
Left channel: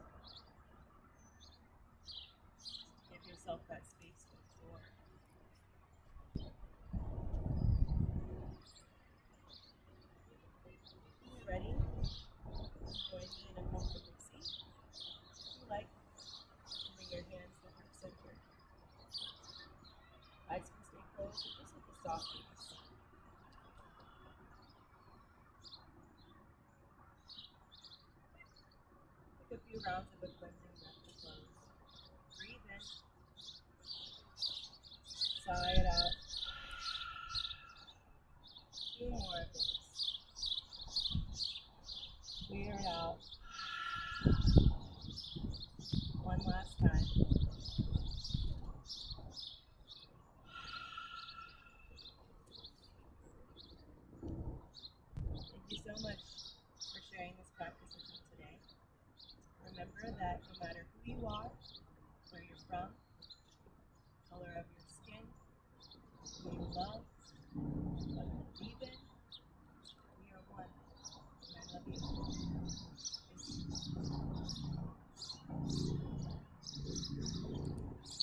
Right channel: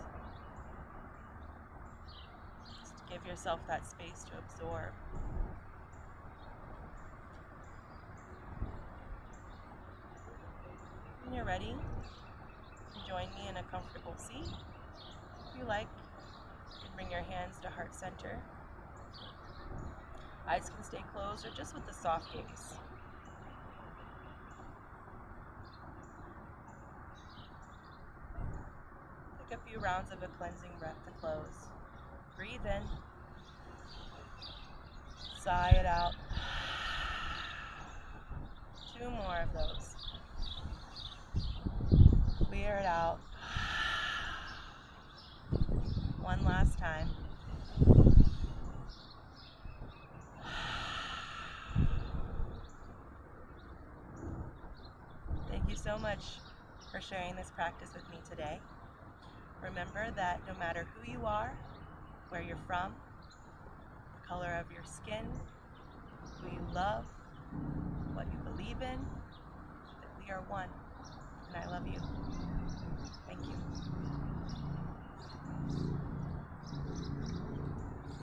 Just give yourself that space to absorb. When you're ready, join me in a comfortable seat. If you like, you can bring your hands to heart center. Eyes can stay closed or just with a soft gaze. Take a few rounds of a cleansing breath to close. Breathe in. Sigh it out. 2 more of those. Clear it out. One last time. so much for sharing this practice with me today. Remember that no matter who you are, where you're from, the color of your skin, who you love, what you believe in, that we are one. And I love you. Thank you.